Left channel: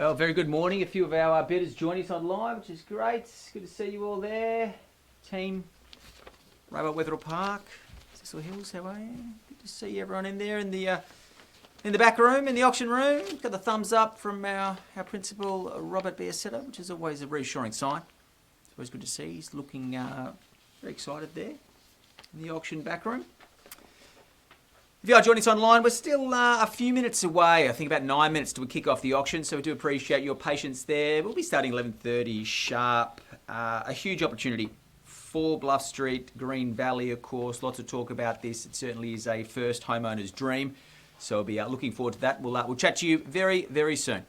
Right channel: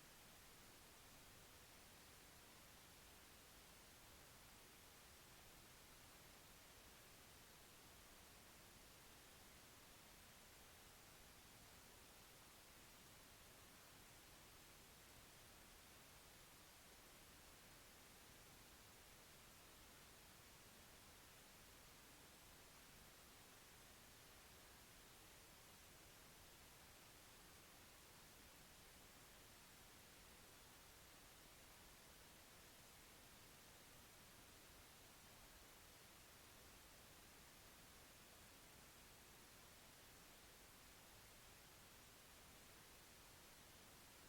Well, very good morning. A few of our bidders joining us online, which is great. It's good to see you all there. Team Rabbit Wetherill Park, Cecil Hills, how are you? Good to see everyone in there in the back room, in the auction room. Got the thumbs up from our principal, Robert Bearsetter, which is always a reassuring sign. It's always good to see. He's looking very excited there in the auction back room. If you are joining us online, we're still a few minutes away. I think about 9 minutes till we kick off the auction, so we do appreciate your patience there. We'll be starting 11:30 sharp. A huge opportunity for Bluff Street, Green Valley, of course. Lots of talk about this. It certainly is a first homeowner's dream, so we'll be looking forward to that. We'll chat to you very, very soon.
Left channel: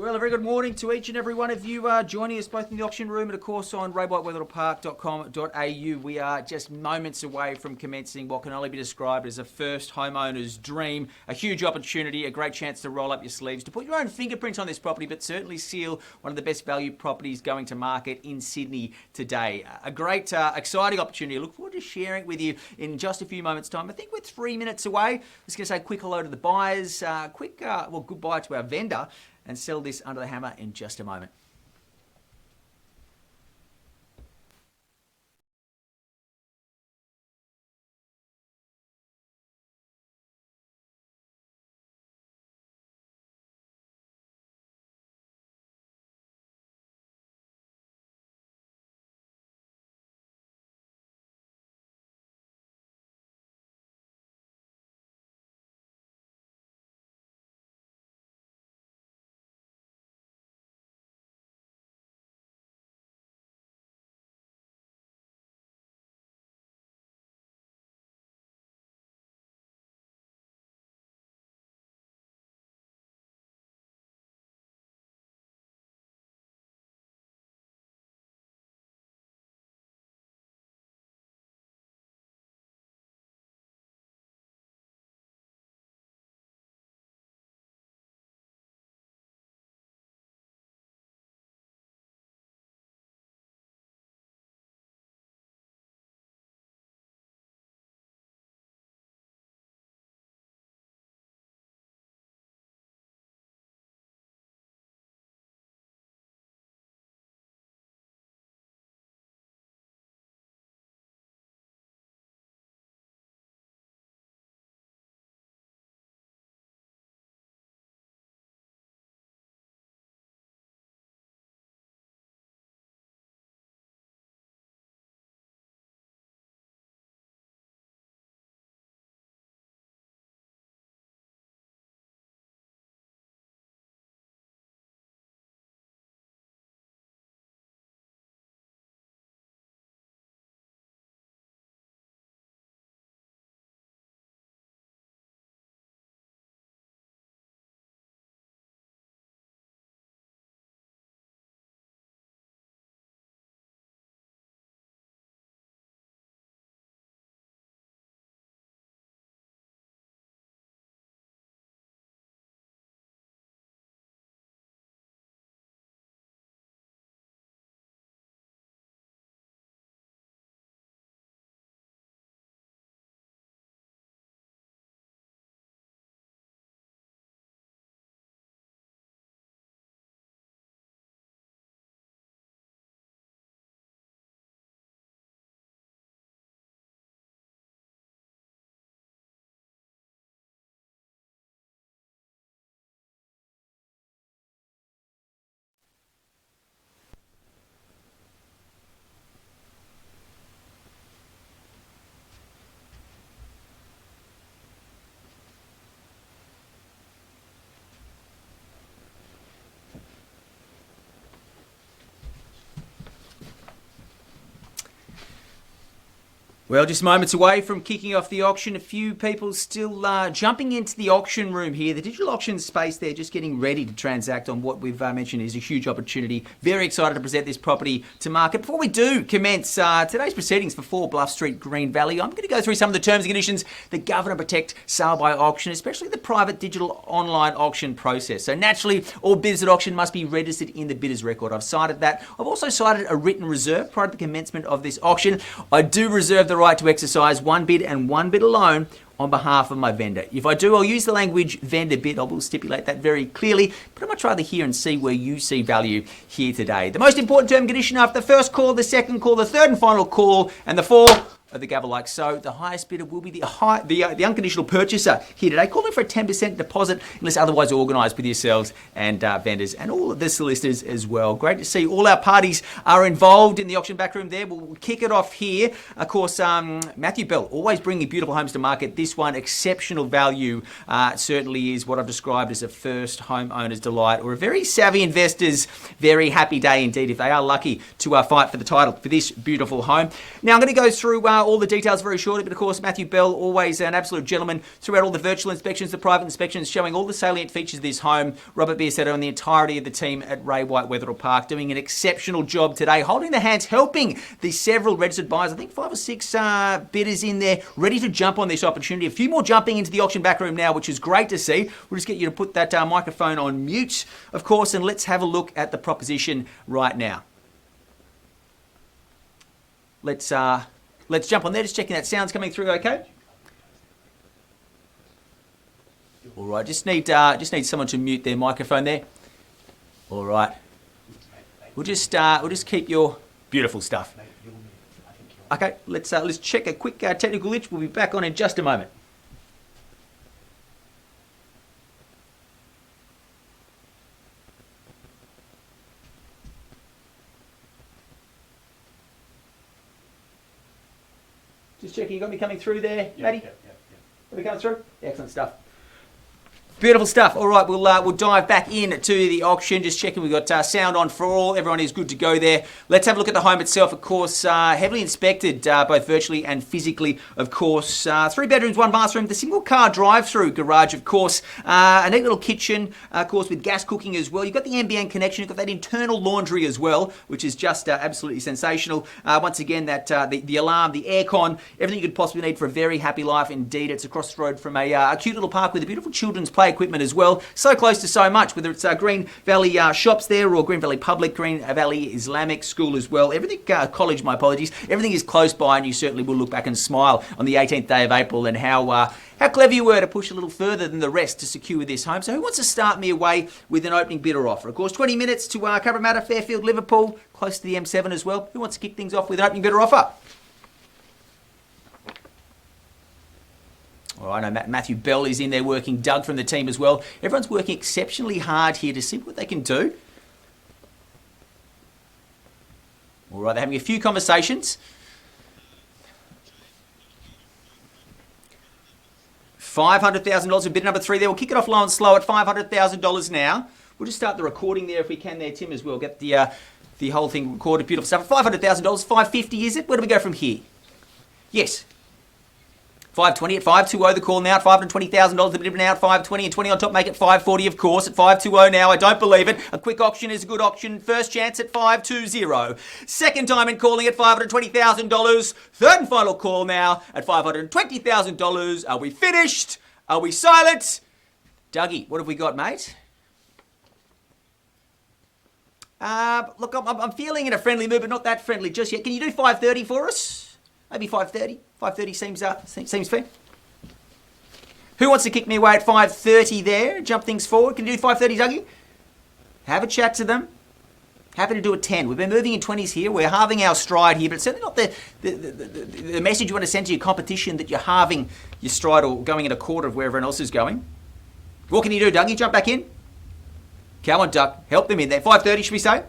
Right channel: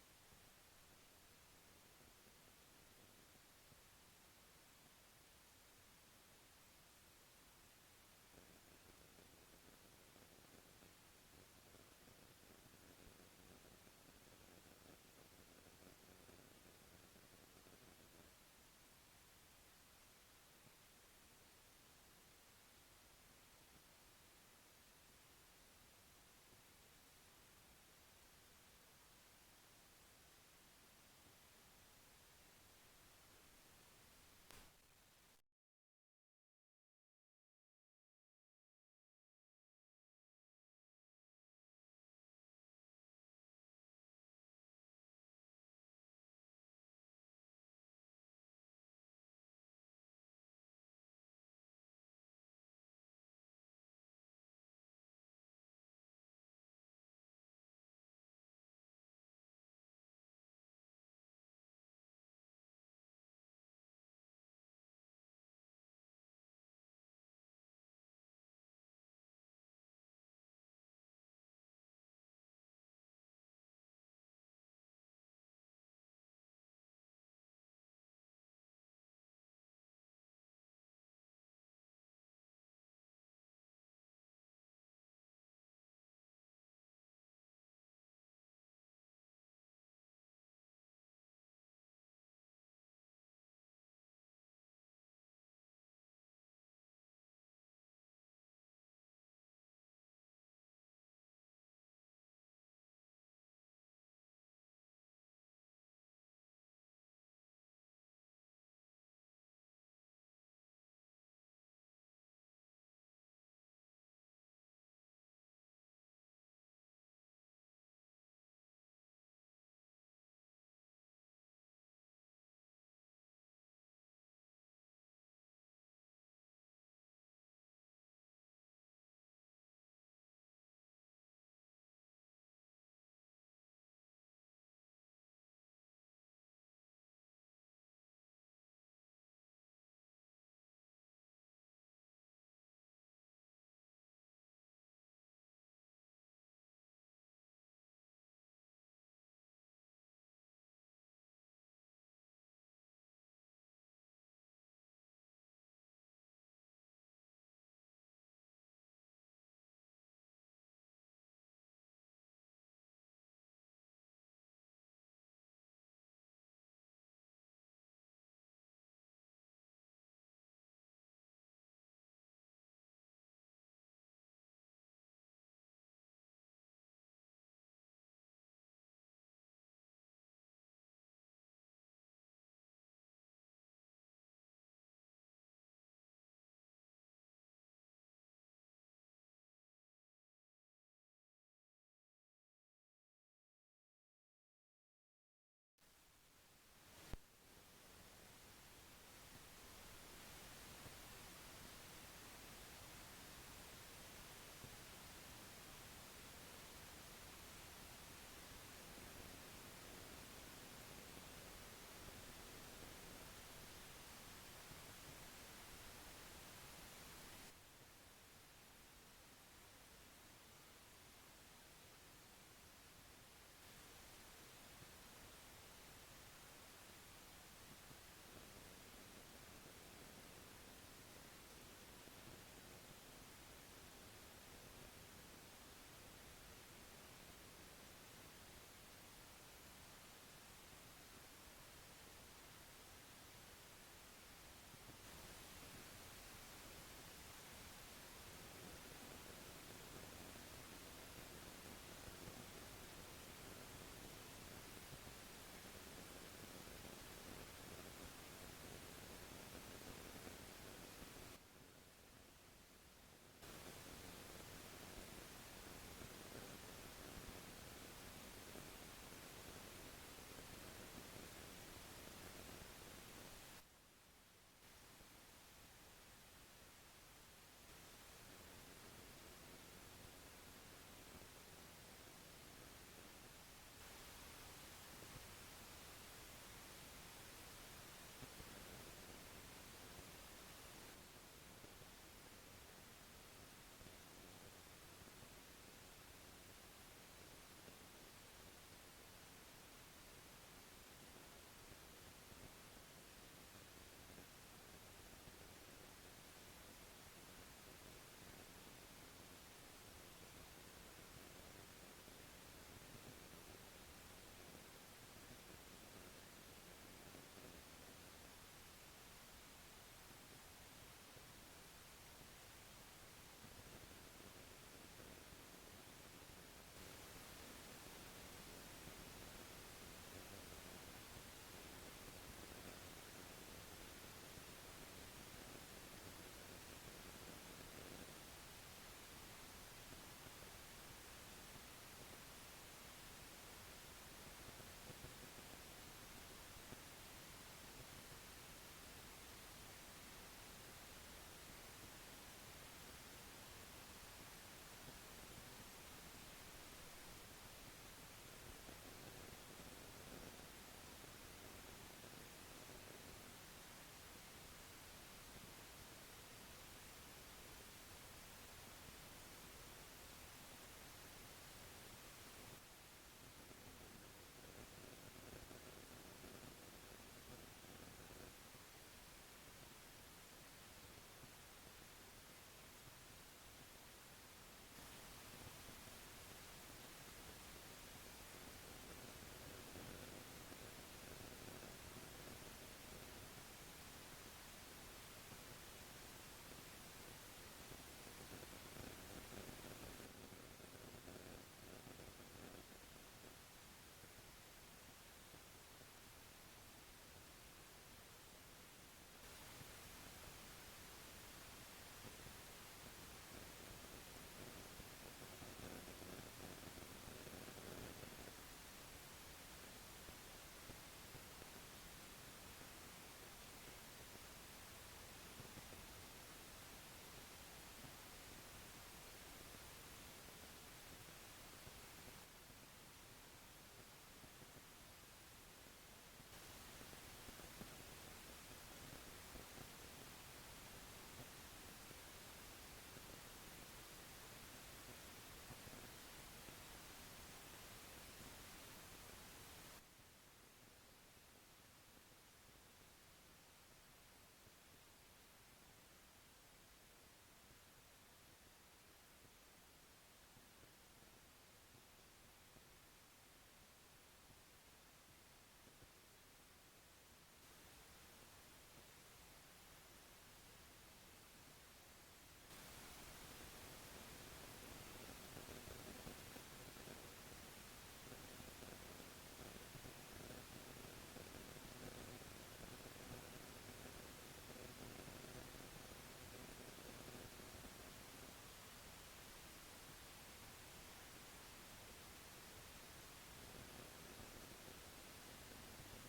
Well, a very good morning to each and every one of you joining us both in the auction room and, of course, on wetherillpark.com.au. We are just moments away from commencing what can only be described as a first homeowner's dream, a huge opportunity, a great chance to roll up your sleeves, to put your own fingerprints on this property, but certainly seal one of the best value properties going to market in Sydney today. A great, exciting opportunity. I look forward to sharing it with you in just a few moments' time. I think we're 3 minutes away. I'm just going to say a quick hello to the buyers, goodbye to our vendor, and sell this under the hammer in just a moment. Well, just moments away from kicking off the auction. A few people still jumping into the auction room here. The digital auction space there, just getting ready to transact on what we've mentioned is a huge opportunity. Very excited to present this property to market. Before we do commence today's proceedings for 4 Bluff Street, Green Valley, I'm going to go through some of the terms and conditions that govern and protect sale by auction, especially the private digital online auction process. So naturally, all bidders at auction must be registered in the bidder's record. I've cited that. I've also cited a written reserve prior to the commencement of this auction. I do reserve the right to exercise one bid and one bid alone on behalf of my vendor. If I do, I'll use the language vendor bid. I will stipulate that very clearly, but I'd much rather hear and see where you see value here today. The most important term and condition after the first call, the second call, the third and final call, and the 4 of the gavel like so. The highest bidder will be the unconditional purchaser here today, calling for a 10% deposit unless otherwise organised with yourselves and vendors and all of the solicitors as well. Great to see all our parties are involved in the auction backroom there. We'll kick it off here. Of course, Matthew Bell, always bringing beautiful homes to market. This one, exceptional value, certainly is what I've described as a first homeowner's delight or a very savvy investor's very happy day indeed if they are lucky to fight for the title for this beautiful home. Now I'm going to go through all the details very shortly, but of course, Matthew Bell, always an absolute gentleman throughout all the virtual inspections, the private inspections, showing all the salient features of this home. Robert Biersetto and the entirety of the team at Ray White Wetherill Park doing an exceptional job today, holding the hands, helping the several registered buyers. I think 5 or 6 bidders in there, ready to jump on this opportunity. A few more jumping into the auction back room now, which is great to see. We'll just get you to put that microphone on mute, of course, and let's have a look at the proposition right now. Let's jump on there, just checking that sound's coming through okay. All right, just need someone to mute their microphone there. All right. We'll just keep your beautiful stuff. Okay, let's check a quick technical glitch. We'll be back on in just a moment. Just checking, you got me coming through there, Matty? Yep. Got me coming through? Excellent stuff. Beautiful stuff. All right, we'll dive back into the auction. Just checking we've got sound on for all. Everyone is good to go there. Let's have a look at the home itself. Of course, heavily inspected both virtually and physically. Of course, 3 bedrooms, 1 bathroom. The single car drive-through garage, of course. A neat little kitchen, of course, with gas cooking as well. You've got the NBN connection. You've got that internal laundry as well, which is just absolutely sensational. Once again, that the alarm, the aircon, everything you could possibly need for a very happy life. Indeed, it's across the road from a cute little park with a beautiful children's play equipment as well. So close to so much, whether it's Green Valley shops there or Green Valley Public, Green Valley Islamic School as well. Everything, college, my apologies, everything is close by, and you certainly will look back and smile on the 18th day of April and how clever you were to push a little further than the rest to secure this home. So who wants to start me away with an opening bid or offer? Of course, 20 minutes to Cabramatta, Fairfield, Liverpool, close to the M7 as well. Who wants to kick things off with an opening bid or offer? All right, I know Matthew Bell is in there working, Doug from the team as well. Everyone's working exceptionally hard here to see what they can do. All right, they're having a few conversations. $500,000 in bid number 3 there. We'll kick it off low and slow at $500,000 now. We'll just start the recording there if we can there, Tim, as well. Get the whole thing recorded. Beautiful stuff. $500,000, $550 is it? Where do we go from here? Yes. 520 at 520, the call now at $520,000, the bid now at 520 and 20 on top, make it 540 of course at 520 now. I don't believe it. A quick auction is a good auction. First chance at 520. Second time in calling at $520,000. Third and final call now at $520,000. Are we finished? Are we silent? Dougie, what have we got, mate? Look, I'm feeling in a friendly mood, but not that friendly just yet. Can you do 530 for us? Maybe 530. 530 seems fair. Who wants to kick me away at 530 there? Jump things forward. Can you do 530, Dougie? Have a chat to them. Happy to do a 10. We've been moving in 20s here. We're halving our stride here, but it's certainly not the message you want to send to your competition that you're halving your stride or going at a quarter of where everyone else is going. What can you do, Dougie? Jump back in. Come on, Duck. Help them in there. 530, should we say?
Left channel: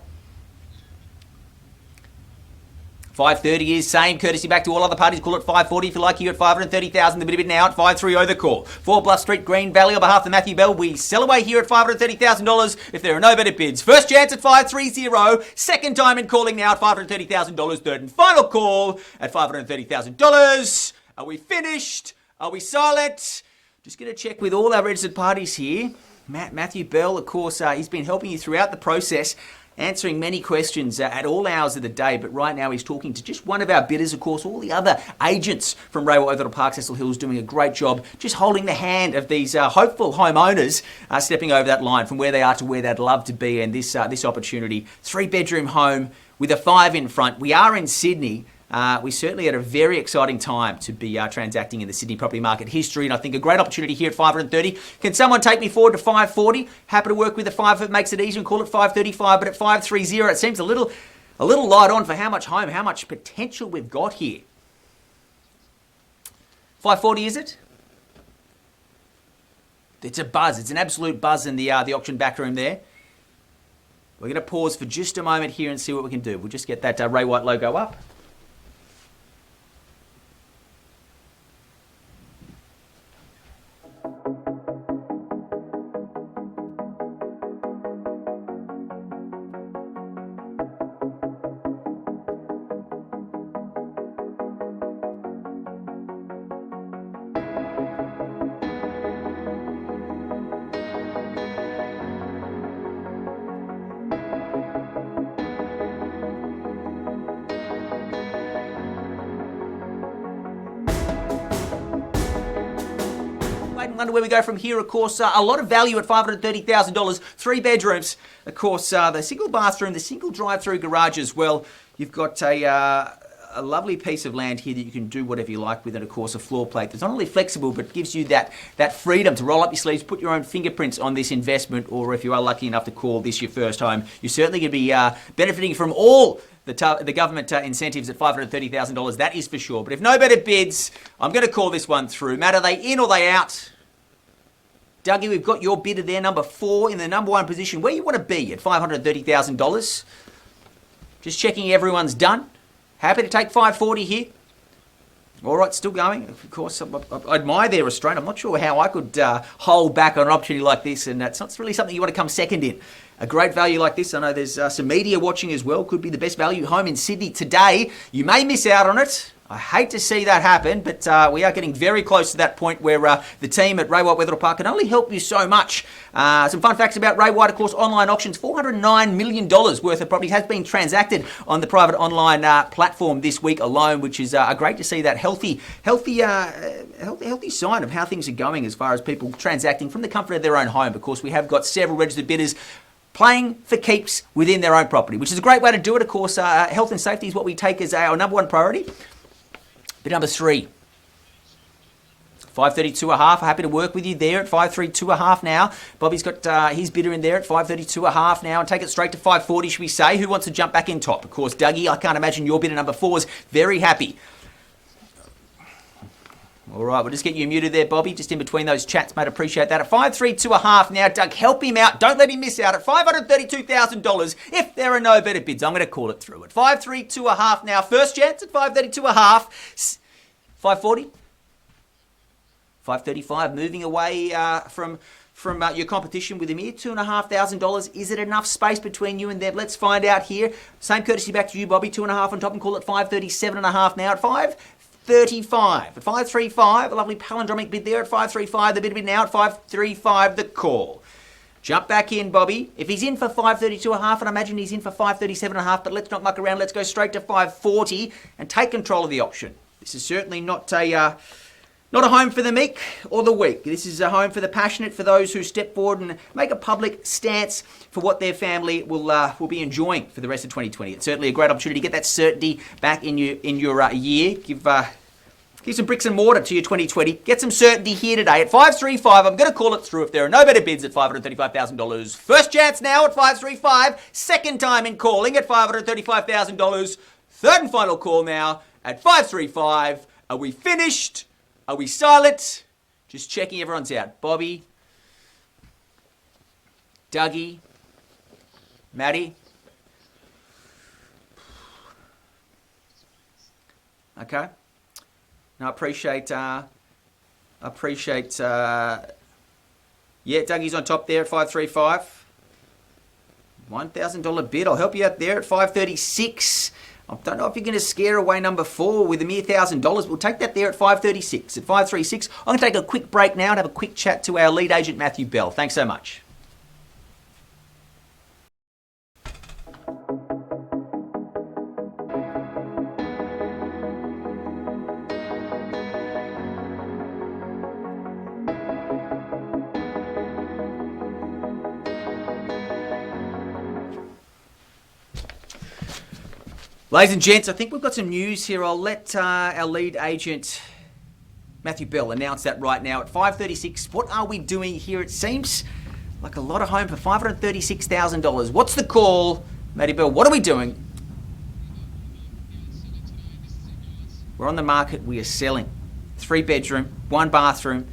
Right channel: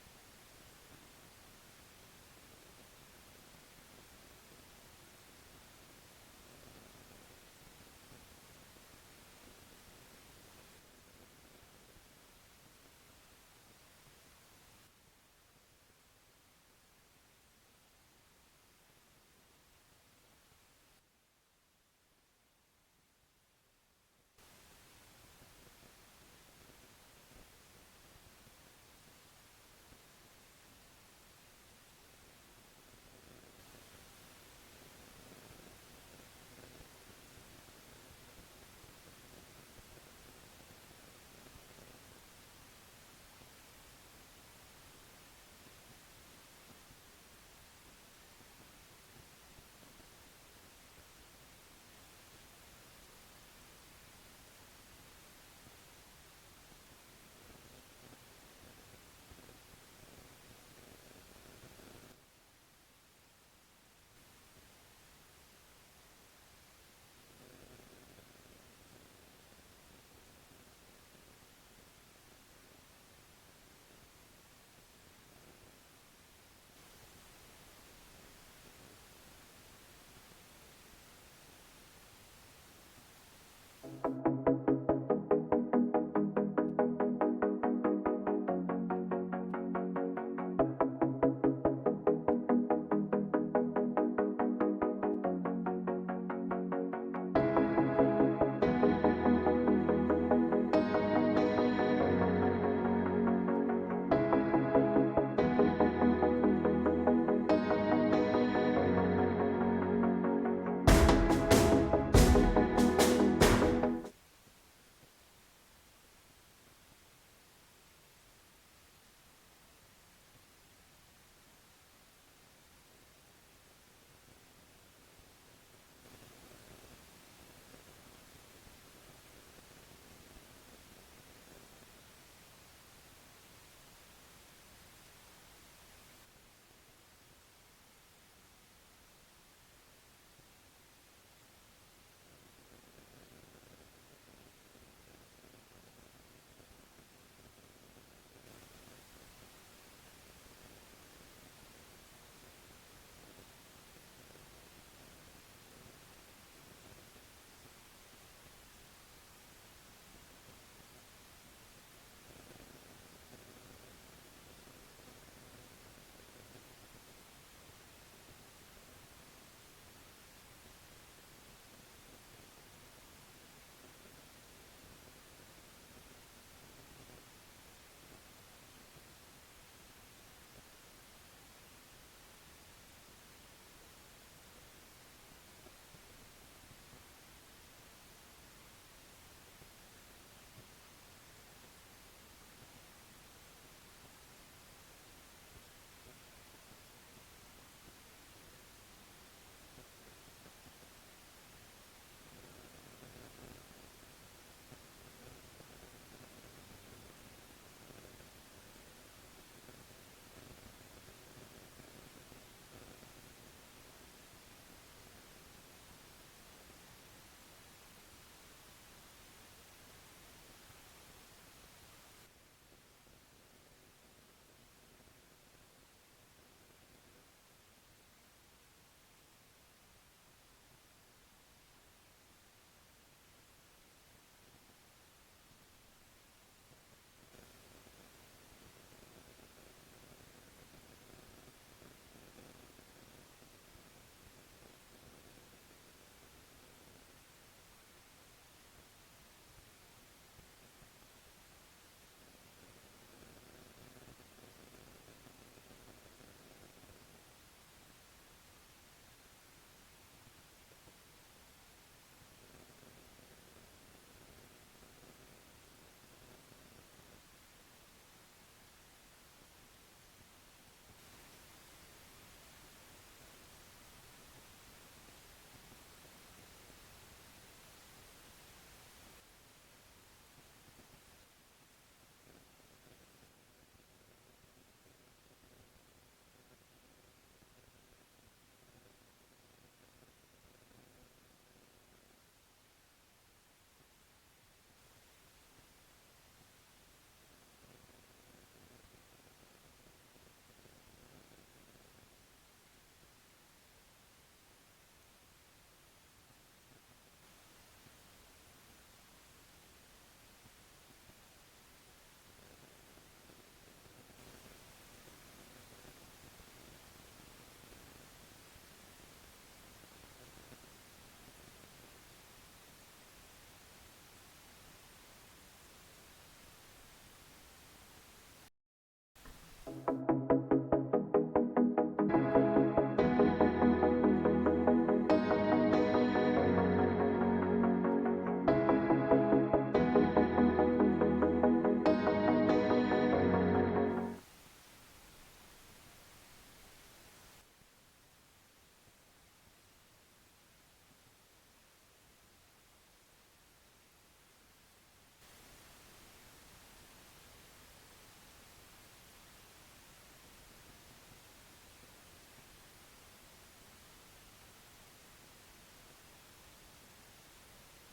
530 is same, courtesy back to all other parties. Call it 540 if you like. Here at 530,000. The bid of it now at 530 the call. 4 Bluff Street, Green Valley. On behalf of Matthew Bell, we sell away here at $530,000 if there are no better bids. First chance at 530. Second time in calling now at $530,000. Third and final call at $530,000. Are we finished? Are we silent? Just going to check with all our registered parties here. Matthew Bell, of course, he's been helping you throughout the process, answering many questions at all hours of the day, but right now he's talking to just one of our bidders. Of course, all the other agents from Ray White Wetherill Park, Cecil Hills, doing a great job, just holding the hand of these hopeful homeowners stepping over that line from where they are to where they'd love to be. And this opportunity, 3-bedroom home with a 5 in front. We are in Sydney. We certainly had a very exciting time to be transacting in the Sydney property market history, and I think a great opportunity here at 530. Can someone take me forward to 540? Happy to work with the 5 if it makes it easy and call it 535, but at 530 it seems a little light on for how much home, how much potential we've got here. 540 is it? It's a buzz. It's an absolute buzz in the auction back room there. We're going to pause for just a moment here and see what we can do. We'll just get that Ray White logo up. wonder where we go from here. Of course, a lot of value at $530,000. 3 bedrooms. Of course, the single bathroom, the single drive-through garage as well. You've got a lovely piece of land here that you can do whatever you like with, and of course a floor plate that's not only flexible but gives you that freedom to roll up your sleeves, put your own fingerprints on this investment, or if you are lucky enough to call this your first home, you're certainly going to be benefiting from all the government incentives at $530,000, that is for sure. But if no better bids, I'm going to call this one through. Matt, are they in or they out? Dougie, we've got your bidder there, number 4 in the number 1 position. Where you want to be at $530,000? Just checking everyone's done. Happy to take 540 here. All right, still going. Of course, I admire their restraint. I'm not sure how I could hold back on an opportunity like this, and it's not really something you want to come second in. A great value like this, I know there's some media watching as well. Could be the best value home in Sydney today. You may miss out on it. I hate to see that happen, but we are getting very close to that point where the team at Ray White Wetherill Park can only help you so much. Some fun facts about Ray White, of course, online auctions, $409 million worth of property has been transacted on the private online platform this week alone, which is great to see that healthy sign of how things are going as far as people transacting from the comfort of their own home. Of course, we have got several registered bidders playing for keeps within their own property, which is a great way to do it. Of course, health and safety is what we take as our number 1 priority. Bid number 3, 532.5. Happy to work with you there at 532.5 now. Bobby's got his bidder in there at 532.5 now, and take it straight to 540, should we say? Who wants to jump back in top? Of course, Dougie, I can't imagine your bidder number 4 is very happy. All right, we'll just get you muted there, Bobby, just in between those chats, mate. Appreciate that. At 532.5 now, Doug, help him out. Don't let him miss out at $532,000. If there are no better bids, I'm going to call it through at 532.5 now. First chance at 532.5. 540. 535. Moving away from your competition with him here. $2,500. Is it enough space between you and them? Let's find out here. Same courtesy back to you, Bobby. 2.5 on top, and call it 537.5 now at 535. At 535, a lovely palindromic bid there at 535. The bid now at 535, the call. Jump back in, Bobby. If he's in for 532.5, and I imagine he's in for 537.5, but let's not muck around. Let's go straight to 540 and take control of the auction. This is certainly not a home for the meek or the weak. This is a home for the passionate, for those who step forward and make a public stance for what their family will be enjoying for the rest of 2020. It's certainly a great opportunity to get that certainty back in your year. Give some bricks and mortar to your 2020. Get some certainty here today at 535. I'm going to call it through if there are no better bids at $535,000. First chance now at 535. Second time in calling at $535,000. Third and final call now at 535. Are we finished? Are we silent? Just checking everyone's out. Bobby, Dougie, Maddie. Okay. No, I appreciate, yeah, Dougie's on top there at 535. $1,000 bid. I'll help you out there at 536. I don't know if you're going to scare away number 4 with a mere $1,000. We'll take that there at 536. At 536, I'm going to take a quick break now and have a quick chat to our lead agent, Matthew Bell. Thanks so much. Ladies and gents, I think we've got some news here. I'll let our lead agent, Matthew Bell, announce that right now. At 536, what are we doing here? It seems like a lot of home for $536,000. What's the call, Matty Bell? What are we doing? We're on the market. We are selling. 3 bedroom, 1 bathroom,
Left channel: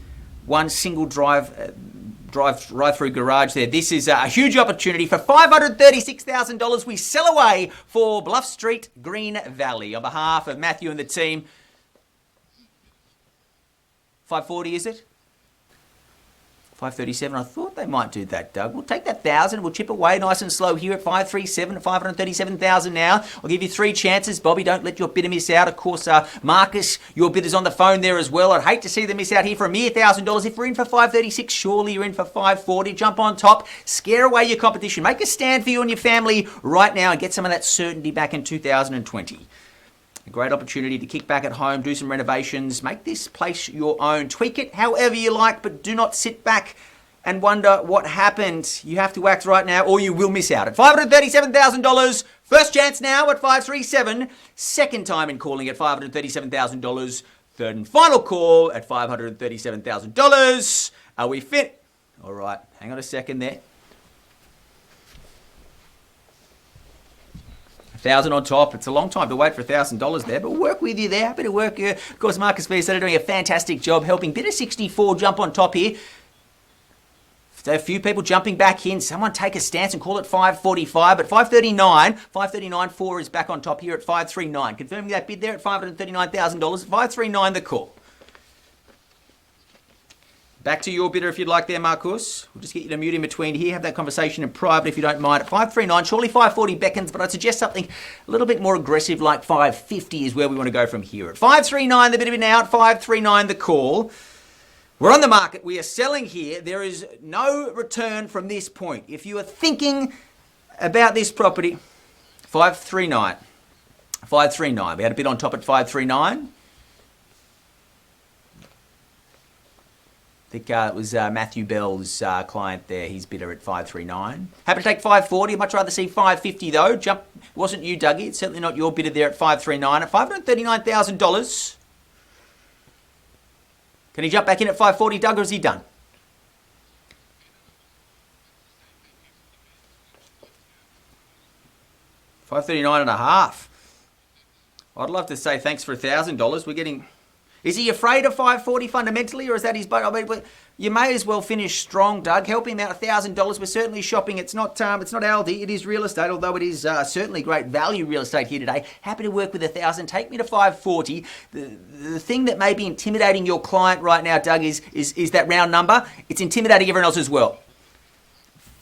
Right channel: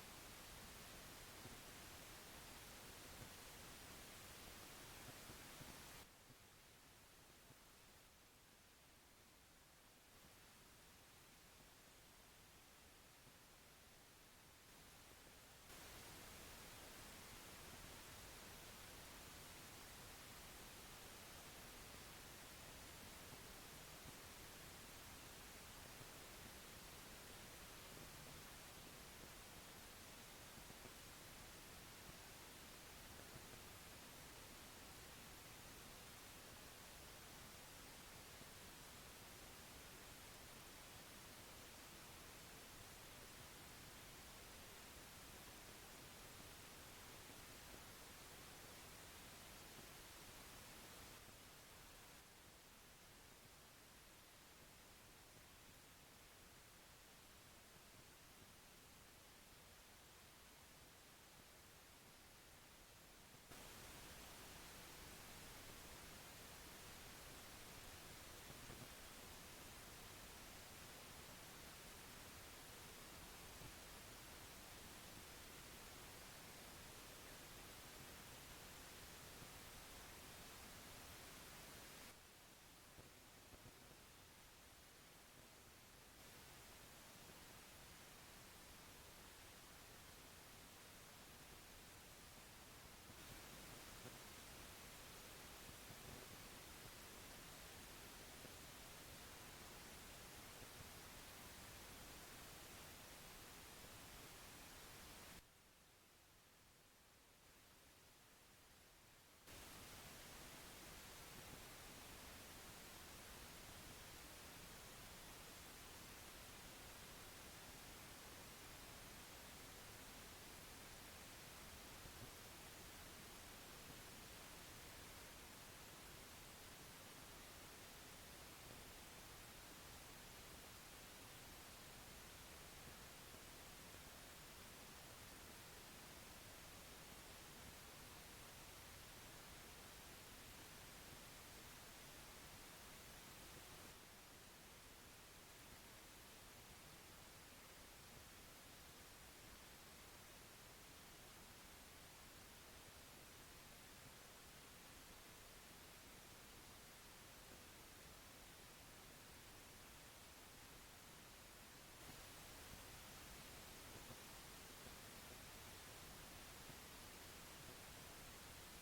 1 single drive-through garage there. This is a huge opportunity for $536,000. We sell away for Bluff Street, Green Valley. On behalf of Matthew and the team, 540 is it? 537. I thought they might do that, Doug. We'll take that 1,000. We'll chip away nice and slow here at 537 at 537,000 now. I'll give you 3 chances. Bobby, don't let your bidder miss out. Of course, Marcus, your bidder's on the phone there as well. I'd hate to see them miss out here for a mere $1,000. If we're in for 536, surely you're in for 540. Jump on top. Scare away your competition. Make a stand for you and your family right now and get some of that certainty back in 2020. A great opportunity to kick back at home, do some renovations, make this place your own. Tweak it however you like, but do not sit back and wonder what happened. You have to act right now or you will miss out. At $537,000, first chance now at 537. Second time in calling at $537,000. Third and final call at $537,000. Are we fit? All right, hang on a second there. 1,000 on top. It's a long time to wait for $1,000 there, but we'll work with you there. Happy to work you. Of course, Marcus Beers are doing a fantastic job helping Bidder 64 jump on top here. So a few people jumping back in. Someone take a stance and call it 545, but 539.4 is back on top here at 539. Confirming that bid there at $539,000. 539 the call. Back to your bidder if you'd like there, Marcus. We'll just get you to mute in between here. Have that conversation in private if you don't mind. At 539, surely 540 beckons, but I'd suggest something a little bit more aggressive like 550 is where we want to go from here. At 539, the bid now. At 539, the call. We're on the market. We are selling here. There is no return from this point. If you are thinking about this property, 539. 539. We had a bid on top at 539. I think it was Matthew Bell's client there. His bidder at 539. Happy to take 540. I'd much rather see 550 though. Jump. Wasn't you, Dougie. It's certainly not your bidder there at 539. At $539,000. Can he jump back in at 540, Doug, or is he done? $539.5. I'd love to say thanks for $1,000. We're getting... Is he afraid of 540 fundamentally, or is that his boat? I mean, you may as well finish strong, Doug. Help him out $1,000. We're certainly shopping. It's not Aldi. It is real estate, although it is certainly great value real estate here today. Happy to work with 1,000. Take me to 540. The thing that may be intimidating your client right now, Doug, is that round number. It's intimidating everyone else as well.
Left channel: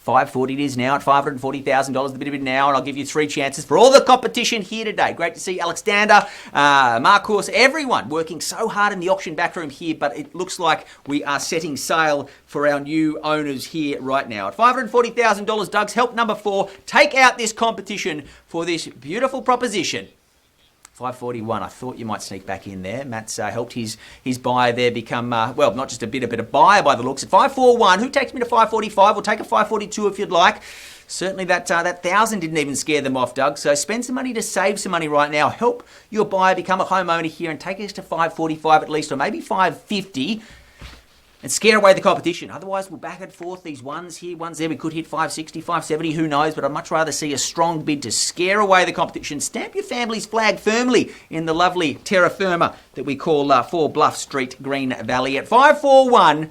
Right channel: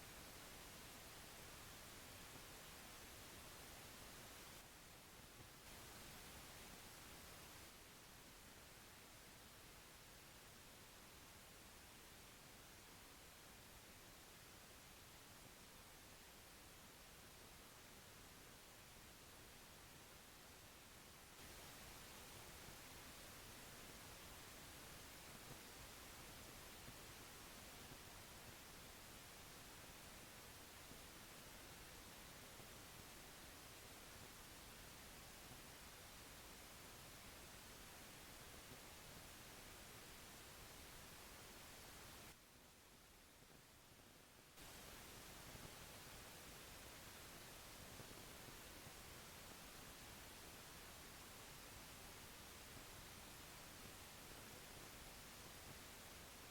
540 it is now at $540,000, the bit of it now, and I'll give you 3 chances for all the competition here today. Great to see Alexander, Marcus, everyone working so hard in the auction backroom here, but it looks like we are setting sail for our new owners here right now. At $540,000, Doug's help number 4, take out this competition for this beautiful proposition. 541, I thought you might sneak back in there. Matt's helped his buyer there become, well, not just a bidder, but a buyer by the looks. At 541, who takes me to 545? We'll take a 542 if you'd like. Certainly that 1,000 didn't even scare them off, Doug. So spend some money to save some money right now. Help your buyer become a homeowner here and take us to 545 at least, or maybe 550. And scare away the competition. Otherwise, we'll back and forth. These ones here, ones there. We could hit 560, 570, who knows. But I'd much rather see a strong bid to scare away the competition. Stamp your family's flag firmly in the lovely terra firma that we call 4 Bluff Street, Green Valley. At 541,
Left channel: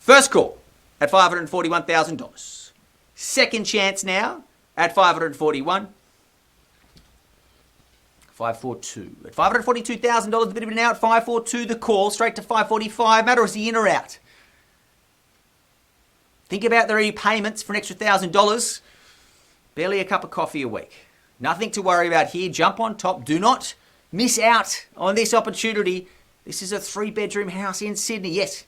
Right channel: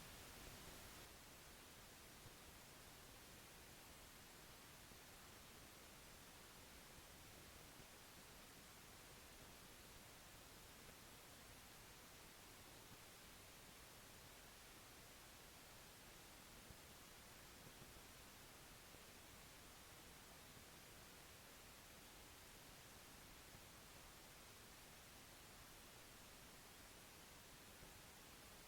first call at $541,000. Second chance now at 541. 542. At $542,000, the bid of it now at 542, the call, straight to 545. Matter, is he in or out? Think about the repayments for an extra $1,000. Barely a cup of coffee a week. Nothing to worry about here. Jump on top. Do not miss out on this opportunity. This is a 3-bedroom house in Sydney. Yes,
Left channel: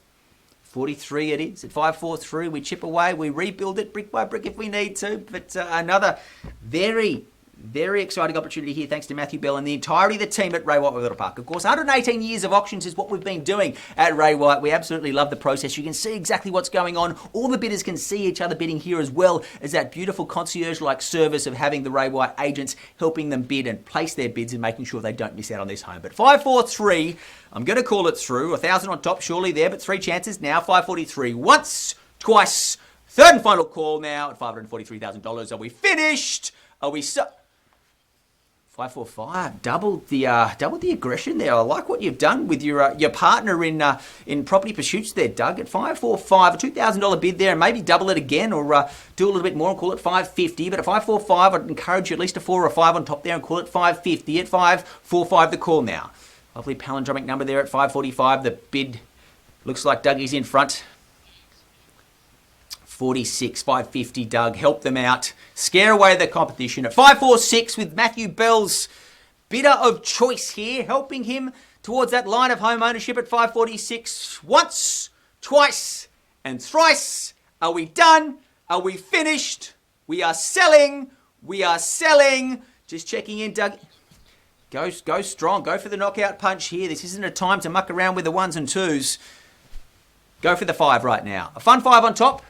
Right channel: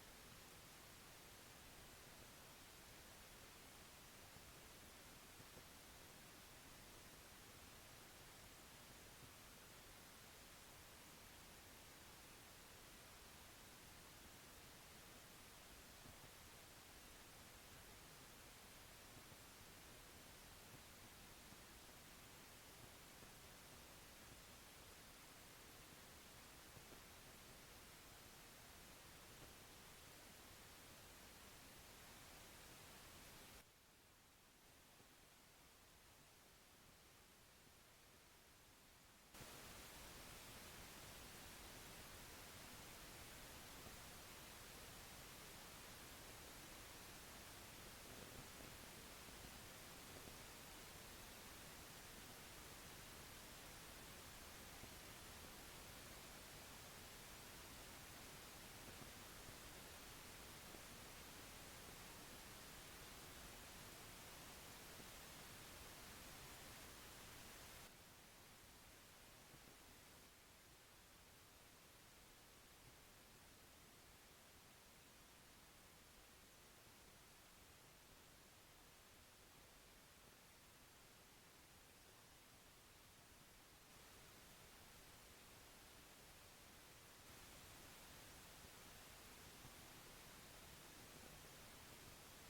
43 it is. At 543, we chip away. We rebuild it brick by brick if we need to. But another very exciting opportunity here, thanks to Matthew Bell and the entirety of the team at Ray White Wetherill Park. Of course, 118 years of auctions is what we've been doing at Ray White. We absolutely love the process. You can see exactly what's going on. All the bidders can see each other bidding here, as well as that beautiful concierge-like service of having the Ray White agents helping them bid and place their bids and making sure they don't miss out on this home. But 543, I'm going to call it through. 1,000 on top, surely there, but 3 chances now. 543, once, twice, third and final call now at $543,000. Are we finished? Are we 545, doubled the aggression there. I like what you've done with your partner in property pursuits there, Doug. At 545, a $2,000 bid there, and maybe double it again, or do a little bit more and call it 550. But at 545, I'd encourage you at least a 4 or a 5 on top there and call it 550. At 545, the call now. Lovely palindromic number there at 545. The bid looks like Dougie's in front. 46, 550, Doug. Help them out. Scare away the competition. At 546 with Matthew Bell's bidder of choice here, helping him towards that line of home ownership at 546. Once, twice, and thrice. Are we done? Are we finished? We are selling. We are selling. Just checking in, Doug. Go strong. Go for the knockout punch here. This isn't a time to muck around with the 1s and 2s. Go for the 5 right now. A fun 5 on top.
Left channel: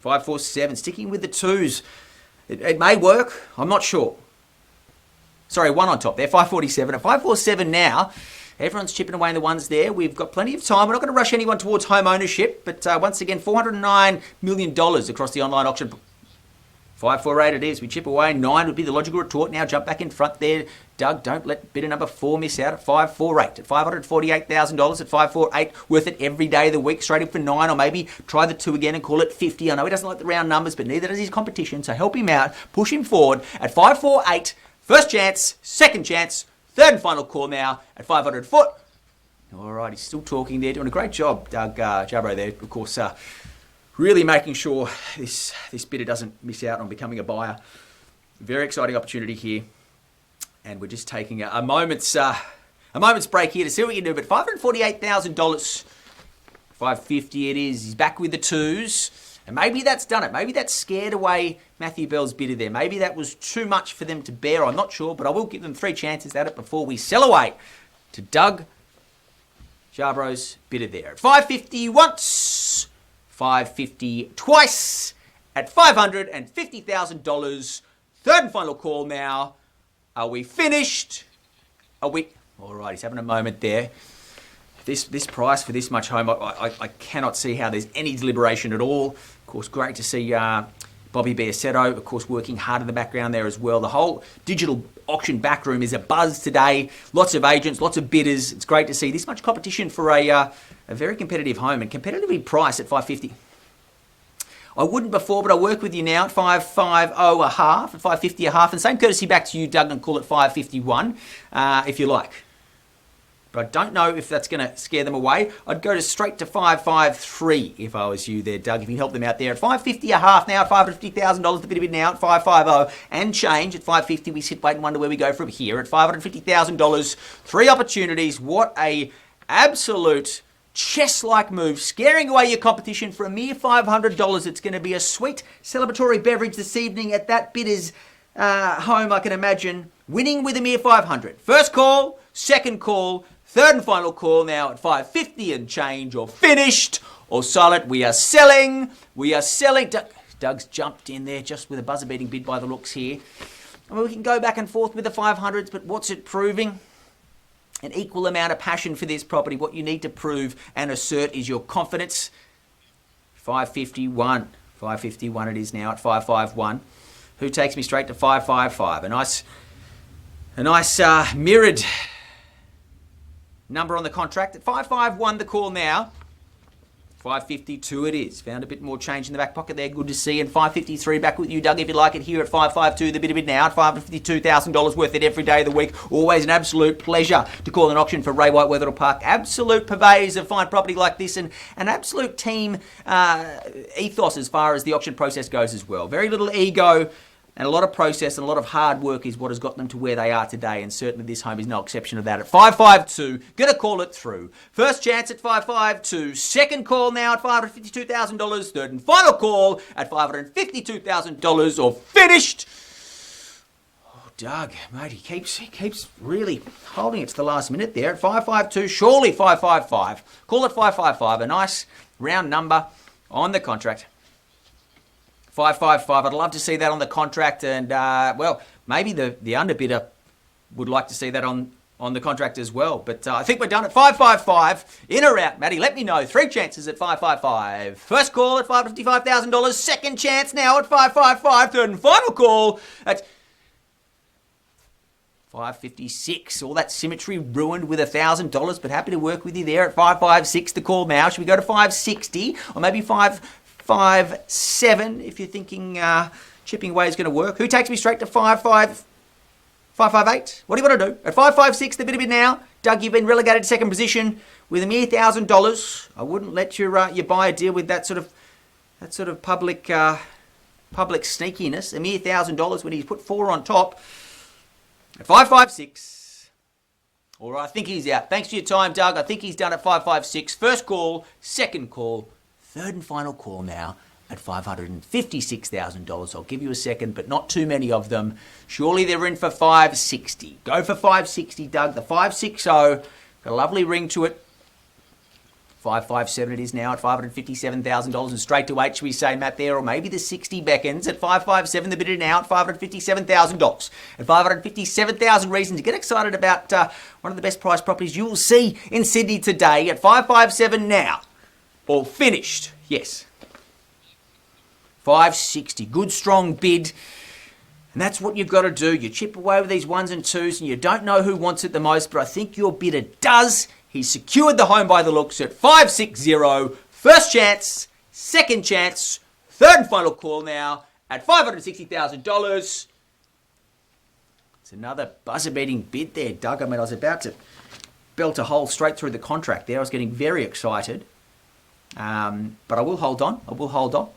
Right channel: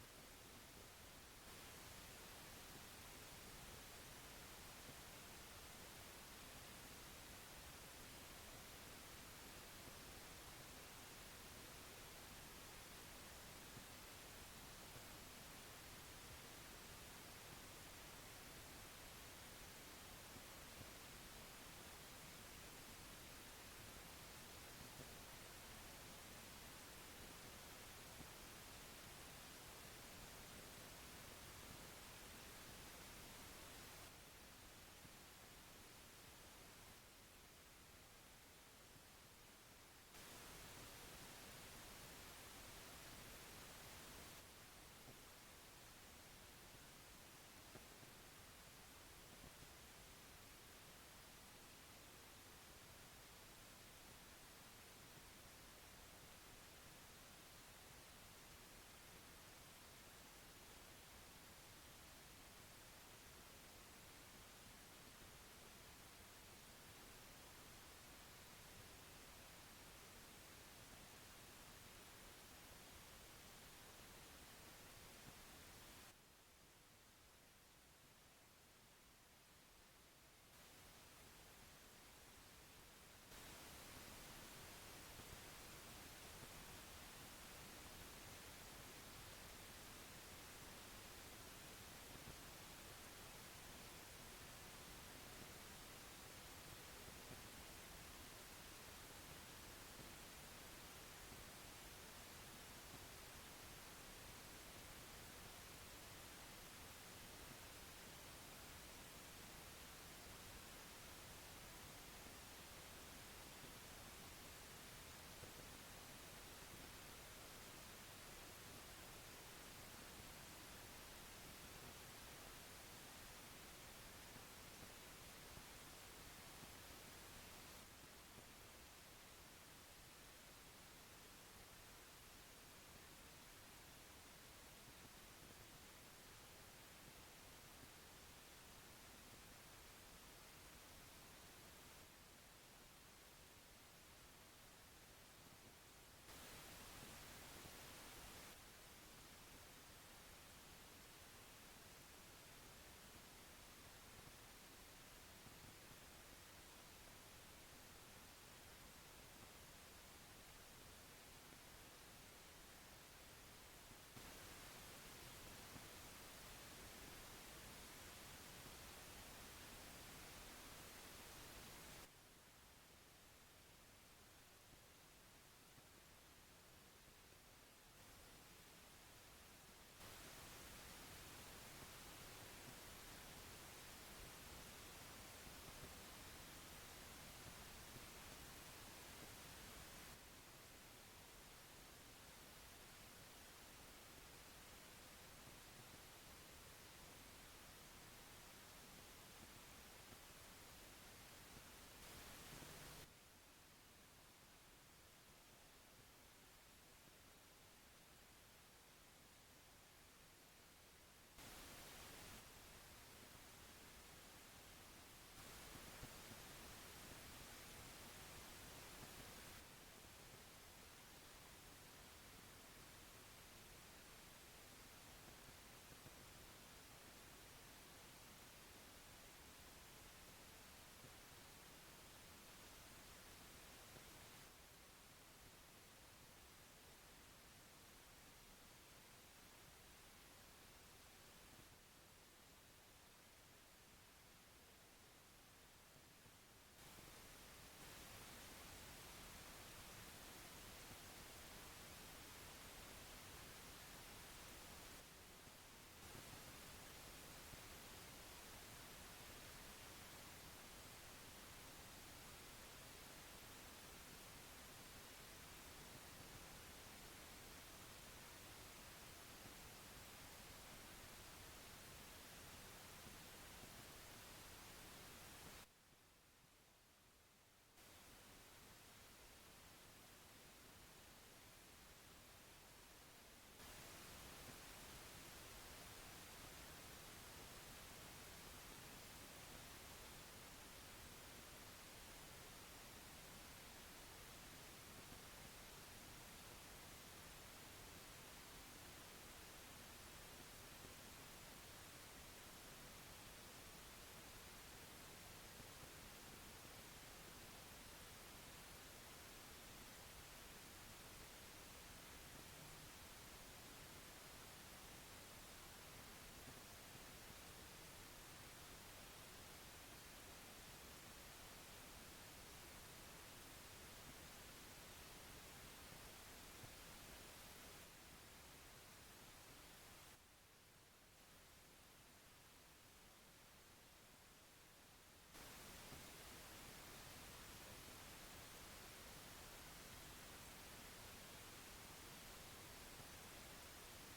5, 4, 7. Sticking with the 2s. It may work. I'm not sure. Sorry, 1 on top there. 547. At 547 now, everyone's chipping away in the 1s there. We've got plenty of time. We're not going to rush anyone towards home ownership. But once again, $409 million across the online auction. 548 it is. We chip away. 9 would be the logical retort. Now jump back in front there. Doug, don't let bidder number 4 miss out at 548. At $548,000 at 548. Worth it every day of the week. Straight in for 9, or maybe try the 2 again and call it 50. I know he doesn't like the round numbers, but neither does his competition. So help him out. Push him forward at 548. First chance. Second chance. Third and final call now at 500 foot. All right, he's still talking there. Doing a great job, Doug Jabro there. Of course, really making sure this bidder doesn't miss out on becoming a buyer. Very exciting opportunity here. And we're just taking a moment's break here to see what we can do. But $548,000, 550 it is. He's back with the 2s. And maybe that's done it. Maybe that's scared away Matthew Bell's bidder there. Maybe that was too much for them to bear. I'm not sure, but I will give them 3 chances at it before we sell away to Doug Jarbro's bidder there. At 550 once, 550 twice, at $550,000. Third and final call now. Are we finished? Are we? All right, he's having a moment there. This price for this much home, I cannot see how there's any deliberation at all. Of course, great to see Bobby Biasetto, of course, working hard in the background there as well. The whole digital auction backroom is a buzz today. Lots of agents, lots of bidders. It's great to see this much competition for a very competitive home and competitively priced at $550. I wouldn't before, but I work with you now at $550 a half, at $550 a half, and same courtesy back to you, Doug, and call it $551 if you like. But I don't know if that's going to scare them away. I'd go straight to $553 if I was you there, Doug, if you can help them out there. At $550 a half now, at $550,000, the bid now at $550 and change. At $550, we sit, wait and wonder where we go from here. At $550,000, 3 opportunities. What a absolute chess-like move, scaring away your competition for a mere $500. It's going to be a sweet celebratory beverage this evening at that bidder's home, I can imagine. Winning with a mere $500. First call, second call, third and final call now at $550 and change, or finished, or silent. We are selling. We are selling. Doug's jumped in there just with a buzzer-beating bid by the looks here. I mean, we can go back and forth with the 500s, but what's it proving? An equal amount of passion for this property. What you need to prove and assert is your confidence. 551. 551 it is now at 551. Who takes me straight to 555? A nice mirrored number on the contract. At 551 the call now. 552 it is. Found a bit more change in the back pocket there. Good to see. And 553 back with you, Doug, if you like it here at 552. The bit of it now at $552,000 worth it every day of the week. Always an absolute pleasure to call an auction for Ray White Wetherill Park. Absolute purveyors of fine property like this, and an absolute team ethos as far as the auction process goes as well. Very little ego. And a lot of process and a lot of hard work is what has got them to where they are today. And certainly this home is no exception of that. At 552, going to call it through. First chance at 552. Second call now at $552,000. Third and final call at $552,000, or finished. Oh, Doug, mate, he keeps really holding it to the last minute there. At 552, surely 555. Call it 555. A nice round number on the contract. 555. I'd love to see that on the contract, and well, maybe the underbidder would like to see that on the contract as well. But I think we're done at 555. In or out, Matty? Let me know. 3 chances at 555. First call at $555,000. Second chance now at 555. Third and final call at 556. All that symmetry ruined with $1,000, but happy to work with you there at 556. The call now. Should we go to 560 or maybe 557 if you're thinking chipping away is going to work? Who takes me straight to 558? What do you want to do? At 556, the bit of it now. Doug, you've been relegated to second position with a mere $1,000. I wouldn't let your buyer deal with that sort of public sneakiness. A mere $1,000 when he's put 4 on top. At 556. All right, I think he's out. Thanks for your time, Doug. I think he's done at 556. First call, second call. Third and final call now at $556,000. I'll give you a second, but not too many of them. Surely they're in for 560. Go for 560, Doug. The 560, got a lovely ring to it. 557 it is now at $557,000 and straight to 8, should we say, Matt, there, or maybe the 60 beckons at 557, the bid now at $557,000. At 557,000 reasons to get excited about one of the best priced properties you will see in Sydney today at 557 now. All finished, yes. 560, good strong bid. And that's what you've got to do. You chip away with these ones and twos and you don't know who wants it the most, but I think your bidder does. He's secured the home by the looks at 560. First chance, second chance, third and final call now at $560,000. It's another buzzer-beating bid there, Doug. I mean, I was about to belt a hole straight through the contract there. I was getting very excited. But I will hold on.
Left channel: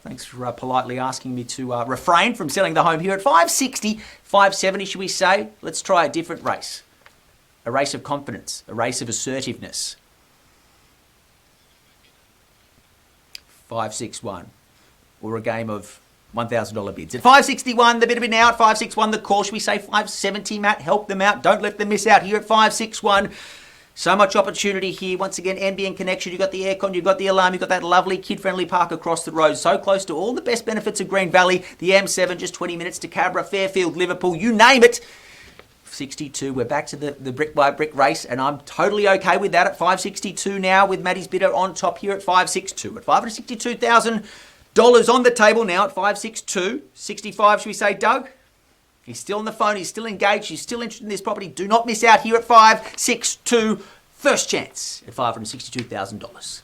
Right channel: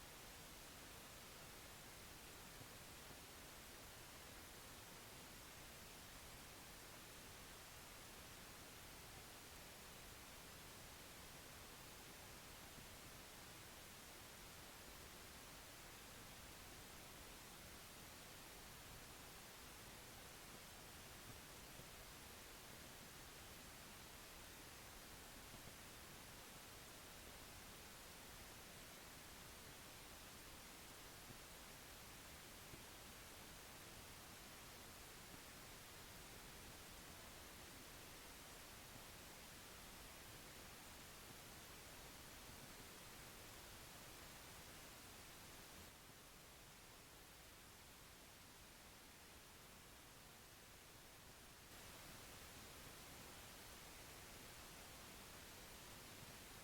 Thanks for politely asking me to refrain from selling the home here at 560, 570, should we say. Let's try a different race. A race of confidence, a race of assertiveness. 561, or a game of $1,000 bids. At 561, the bid now at 561, the call, should we say 570, Matt? Help them out. Don't let them miss out here at 561. So much opportunity here. Once again, NBN connection. You've got the aircon, you've got the alarm, you've got that lovely kid-friendly park across the road. So close to all the best benefits of Green Valley. The M7, just 20 minutes to Cabra, Fairfield, Liverpool, you name it. 62, we're back to the brick-by-brick race, and I'm totally okay with that at 562 now, with Matty's bidder on top here at 562. At $562,000 on the table now at 562. 65, should we say, Doug? He's still on the phone, he's still engaged, he's still interested in this property. Do not miss out here at 562. First chance at $562,000.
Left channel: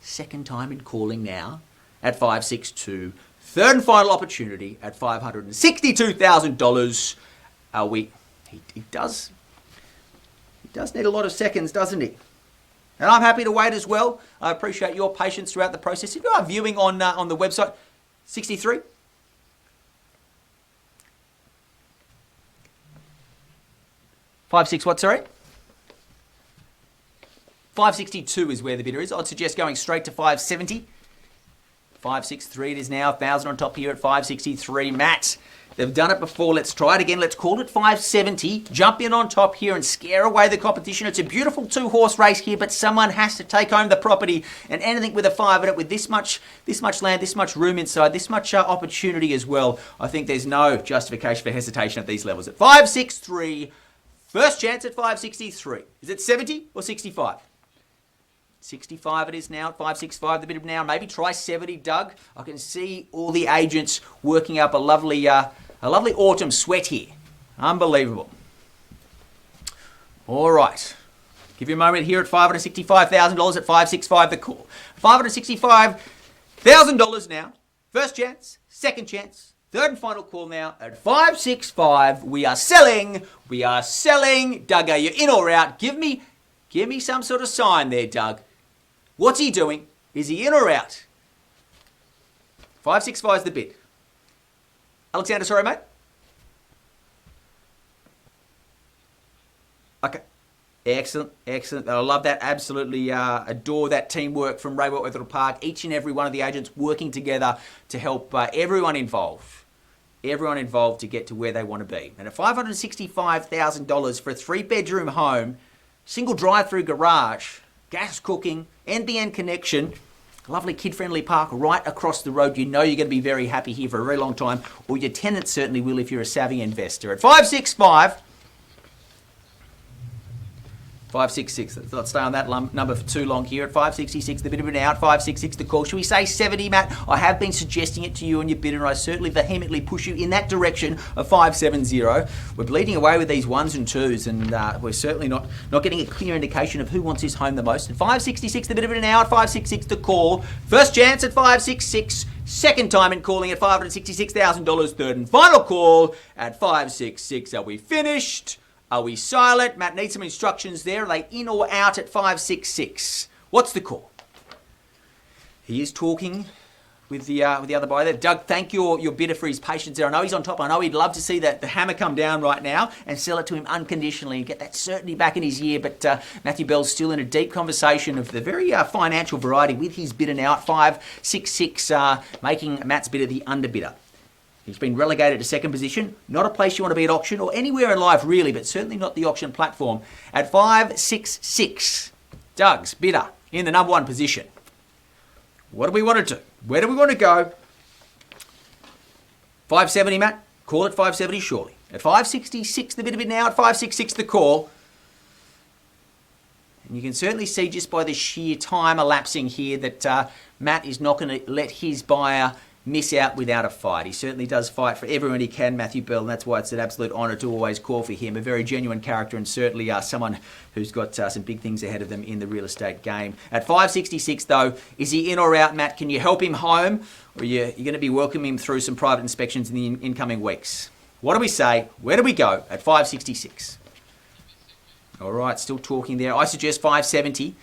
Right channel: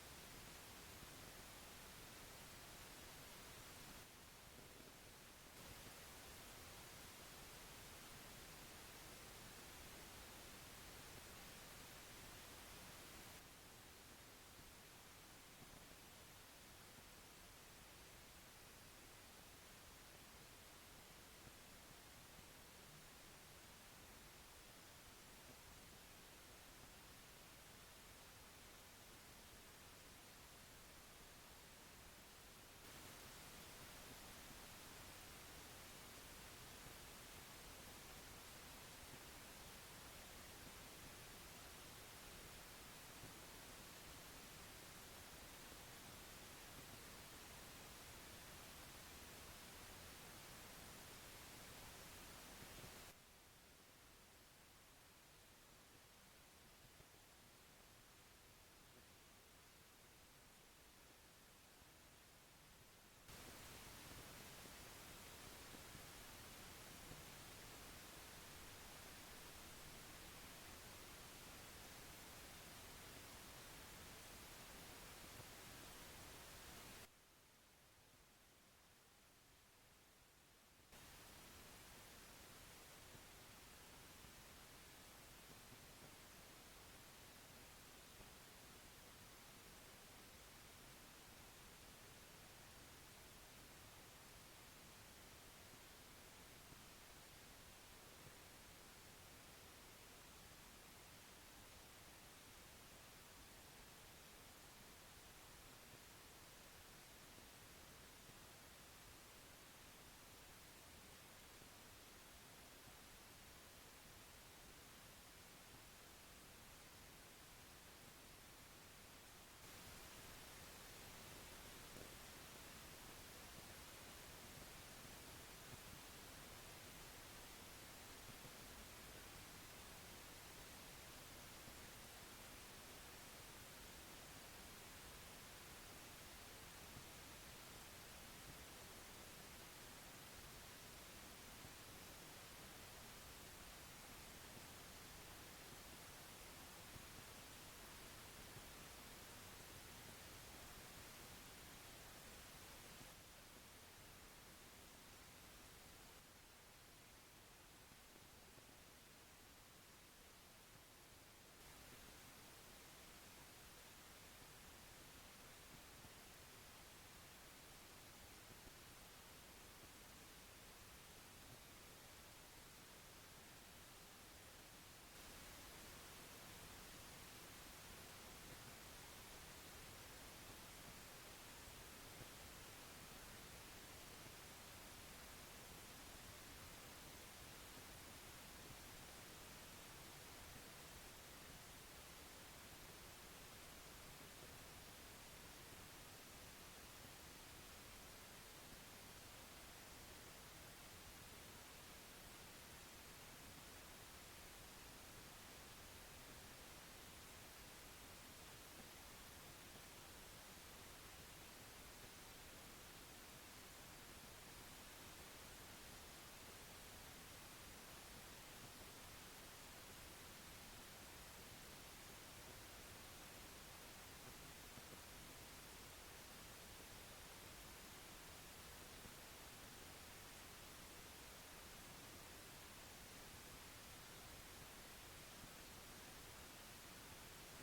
Second time in calling now at 562. Third and final opportunity at $562,000. He does need a lot of seconds, doesn't he? And I'm happy to wait as well. I appreciate your patience throughout the process. If you are viewing on the website, 63. Five six what, sorry? 562 is where the bidder is. I'd suggest going straight to 570. 563 it is now. 1,000 on top here at 563. Matt, they've done it before. Let's try it again. Let's call it 570. Jump in on top here and scare away the competition. It's a beautiful two-horse race here, but someone has to take home the property. And anything with a 5 in it, with this much land, this much room inside, this much opportunity as well, I think there's no justification for hesitation at these levels. At 563, first chance at 563. Is it 70 or 65? 65 it is now at 565, the bid of now. Maybe try 70, Doug. I can see all the agents working up a lovely autumn sweat here. Unbelievable. All right. Give you a moment here at $565,000 at 565 the call. $565,000 now. First chance, second chance, third and final call now at 565. We are selling. Doug, are you in or out? Give me some sort of sign there, Doug. What's he doing? Is he in or out? 565 is the bid. Alexander, sorry, mate? Okay. Excellent. I love that. Absolutely adore that teamwork from Wetherill Park. Each and every one of the agents working together to help everyone involved to get to where they want to be. And at $565,000 for a 3-bedroom home, single drive-through garage, gas cooking, NBN connection, lovely kid-friendly park right across the road. You know you're going to be very happy here for a very long time, or your tenants certainly will if you're a savvy investor. At 565, 566. Let's not stay on that number for too long here. At 566, the bid of an out. 566, the call. Should we say 70, Matt? I have been suggesting it to you and your bidder, and I certainly vehemently push you in that direction of 570. We're bleeding away with these ones and twos, and we're certainly not getting a clear indication of who wants his home the most. At 566, the bid of an out. 566, the call. First chance at 566. Second time in calling at $566,000. Third and final call at 566. Are we finished? Are we silent? Matt needs some instructions there. Are they in or out at 566? What's the call? He is talking with the other buyer there. Doug, thank your bidder for his patience there. I know he's on top. I know he'd love to see the hammer come down right now and sell it to him unconditionally and get that certainty back in his ear. But Matthew Bell's still in a deep conversation of the very financial variety with his bidder now at 566, making Matt's bidder the underbidder. He's been relegated to second position. Not a place you want to be at auction or anywhere in life really, but certainly not the auction platform. At 566, Doug's bidder in the number one position. What do we want to do? Where do we want to go? 570, Matt. Call at 570 surely. At 566, the bid now. At 566, the call. And you can certainly see just by the sheer time elapsing here that Matt is not going to let his buyer miss out without a fight. He certainly does fight for everyone he can, Matthew Bell, and that's why it's an absolute honour to always call for him. A very genuine character and certainly someone who's got some big things ahead of them in the real estate game. At 566 though, is he in or out, Matt? Can you help him home, or you're going to be welcoming him through some private inspections in the incoming weeks? What do we say? Where do we go at 566? All right, still talking there. I suggest 570.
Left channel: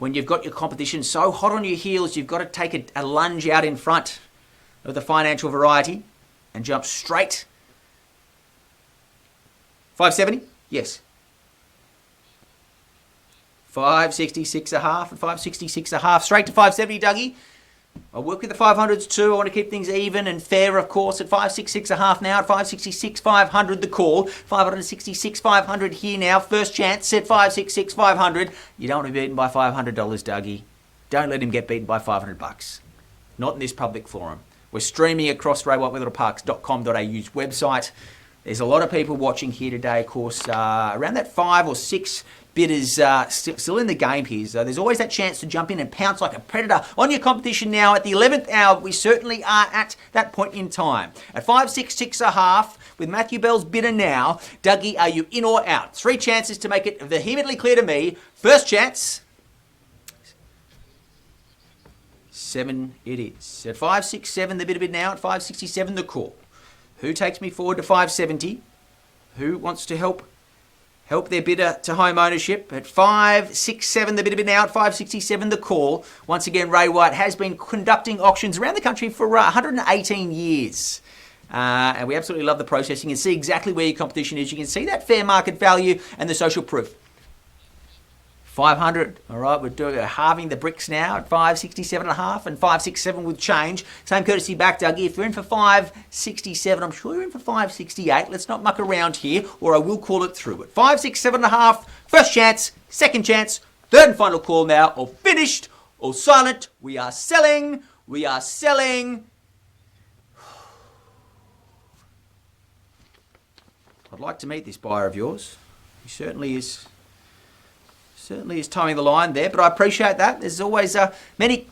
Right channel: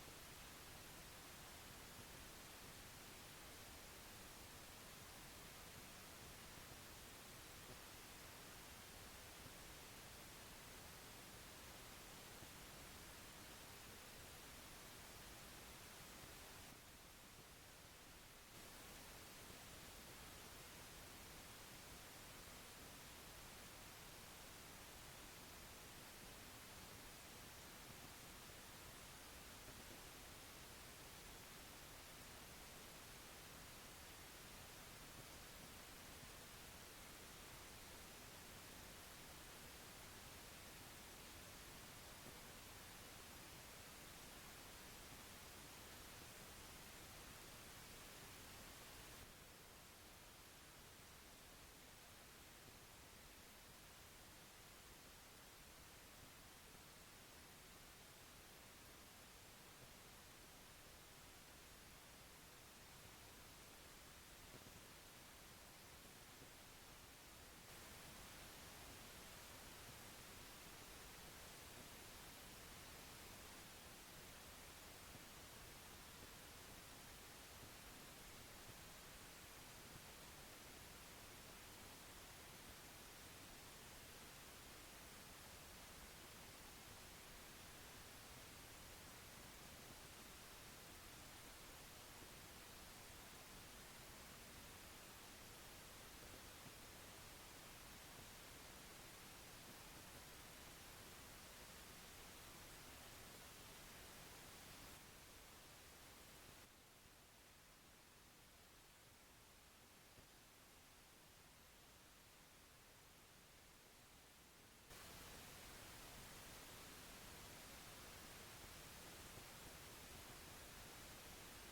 When you've got your competition so hot on your heels, you've got to take a lunge out in front of the financial variety and jump straight. 570? Yes. 566 a half and 566 a half. Straight to 570, Dougie. I'll work with the 500s too. I want to keep things even and fair, of course, at 566 a half now. At 566, 500 the call. 566, 500 here now. First chance at 566, 500. You don't want to be beaten by $500, Dougie. Don't let him get beaten by $500. Not in this public forum. We're streaming across raywhitewetherill.com.au's website. There's a lot of people watching here today, of course, around that 5 or 6 bidders still in the game here. So there's always that chance to jump in and pounce like a predator on your competition now. At the 11th hour, we certainly are at that point in time. At 566 a half, with Matthew Bell's bidder now, Dougie, are you in or out? 3 chances to make it vehemently clear to me. First chance, 7 it is. At 567, the bid now. At 567, the call. Who takes me forward to 570? Who wants to help their bidder to home ownership? At 567, the bid now. At 567, the call. Once again, Ray White has been conducting auctions around the country for 118 years. And we absolutely love the process. You can see exactly where your competition is. You can see that fair market value and the social proof. 500. All right, we're halving the bricks now at 567 and a half and 567 with change. Same courtesy back, Dougie. If you're in for 567, I'm sure you're in for 568. Let's not muck around here, or I will call it through. At 567 and a half, first chance, second chance, third and final call now. All finished, all silent. We are selling. We are selling. I'd like to meet this buyer of yours. He certainly is towing the line there, but I appreciate that. There's always many.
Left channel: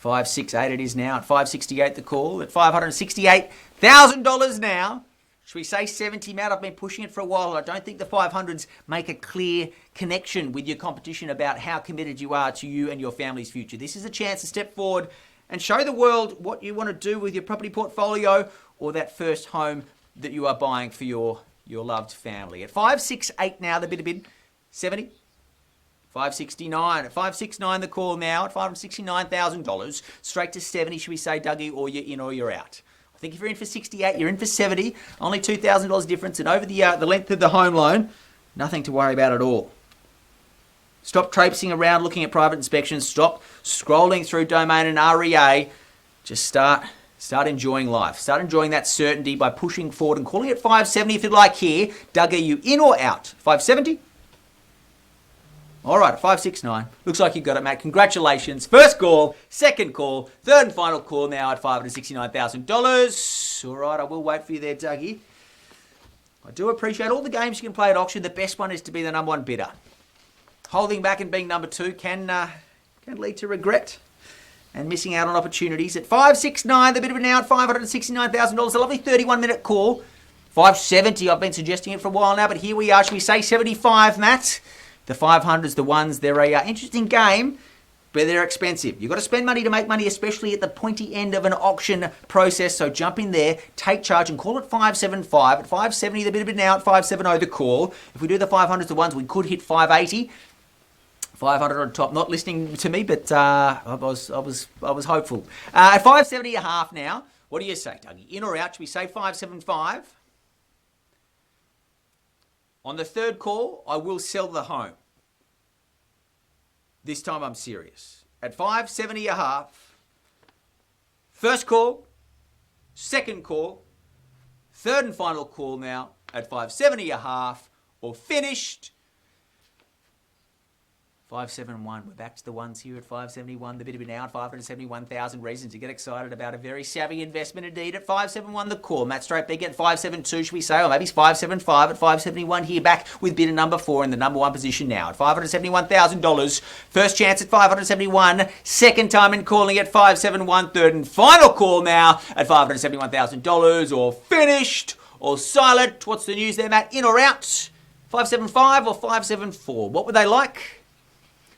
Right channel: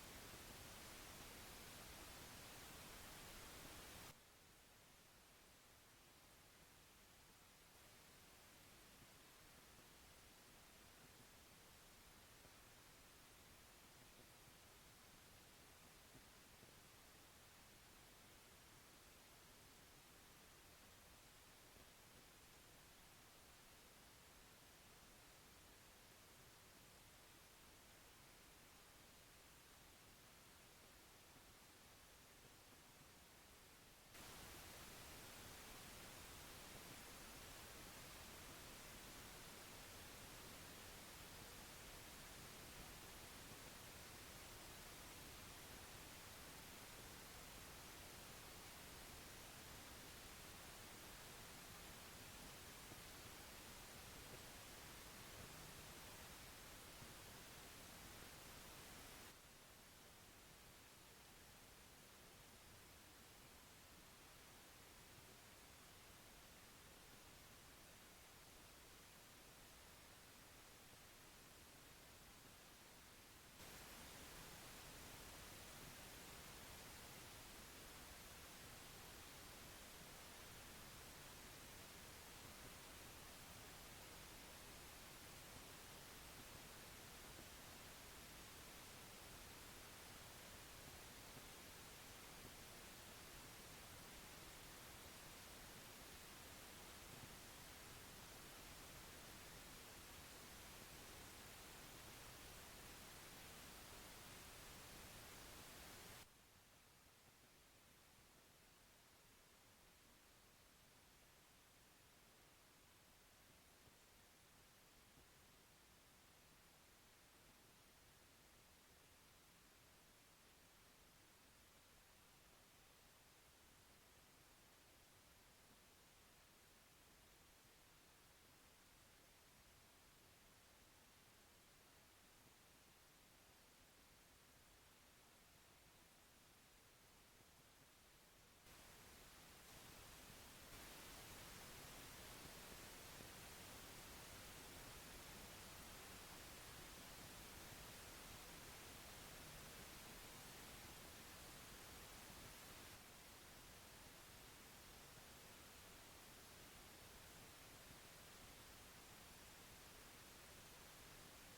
568 it is now. At 568 the call. At $568,000 now. Should we say 70, Matt? I've been pushing it for a while. I don't think the 500s make a clear connection with your competition about how committed you are to you and your family's future. This is a chance to step forward and show the world what you want to do with your property portfolio or that first home that you are buying for your loved family. At 568 now, the bid. 70, 569. At 569 the call now. At $569,000. Straight to 70, should we say, Dougie, or you're in or you're out? I think if you're in for 68, you're in for 70. Only $2,000 difference, and over the length of the home loan, nothing to worry about at all. Stop traipsing around looking at private inspections. Stop scrolling through domain and REA. Just start enjoying life. Start enjoying that certainty by pushing forward and calling it 570 if you'd like here. Doug, are you in or out? 570? All right, 569. Looks like you got it, Matt. Congratulations. First call, second call, third and final call now at $569,000. All right, I will wait for you there, Dougie. I do appreciate all the games you can play at auction. The best one is to be the number one bidder. Holding back and being number two can lead to regret and missing out on opportunities. At 569, the bid of it now at $569,000. A lovely 31-minute call. 570, I've been suggesting it for a while now, but here we are. Should we say 75, Matt? The 500s, the ones, they're an interesting game, but they're expensive. You've got to spend money to make money, especially at the pointy end of an auction process. So jump in there, take charge, and call it 575. At 570, the bid of it now at 570, the call. If we do the 500s, the ones, we could hit 580. 500 on top. Not listening to me, but I was hopeful. At 570 a half now. What do you say, Dougie? In or out? Should we say 575? On the third call, I will sell the home. This time I'm serious. At 570 a half, First call, second call, third and final call now at 570 a half, or finished 571. We're back to the ones here at 571. The bid have been out. 571,000 reasons to get excited about a very savvy investment indeed at 571. The call. Matt straight big at 572, should we say? Or maybe it's 575 at 571 here, back with bidder number 4 in the number 1 position now at $571,000. First chance at 571. Second time in calling at 571. Third and final call now at $571,000, or finished or silent. What's the news there, Matt? In or out? 575 or 574? What would they like?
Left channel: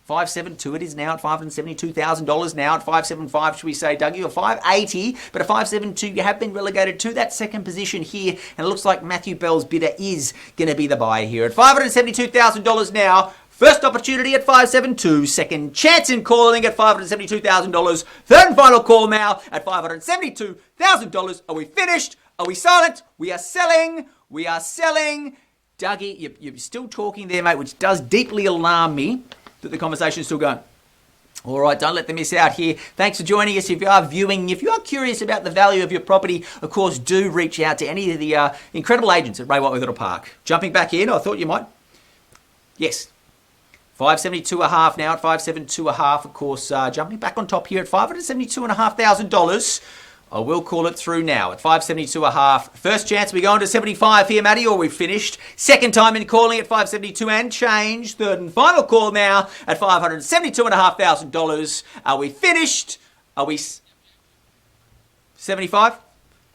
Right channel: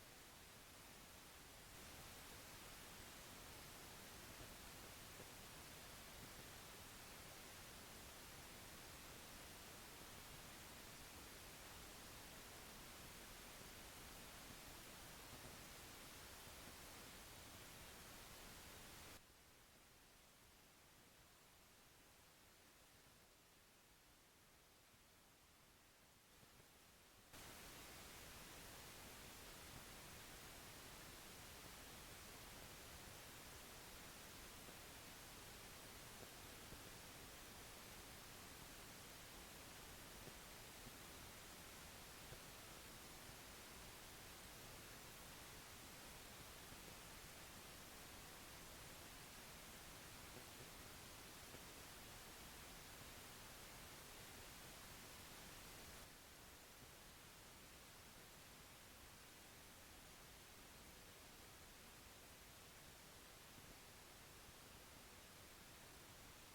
572 it is now at $572,000 now at 575, should we say, Dougie, or 580, but at 572 you have been relegated to that second position here, and it looks like Matthew Bell's bidder is going to be the buyer here at $572,000 now. First opportunity at 572, second chance in calling at $572,000, third and final call now at $572,000. Are we finished? Are we silent? We are selling. We are selling. Dougie, you're still talking there, mate, which does deeply alarm me that the conversation is still going. All right, don't let them miss out here. Thanks for joining us. If you are viewing, if you are curious about the value of your property, of course, do reach out to any of the incredible agents at Wetherill Park. Jumping back in, I thought you might. Yes. 572 a half now at 572 a half, of course, jumping back on top here at $572,500. I will call it through now at 572 a half. First chance, we go on to 75 here, Matty, or we've finished. Second time in calling at 572 and change. Third and final call now at $572,500. Are we finished? Are we 75?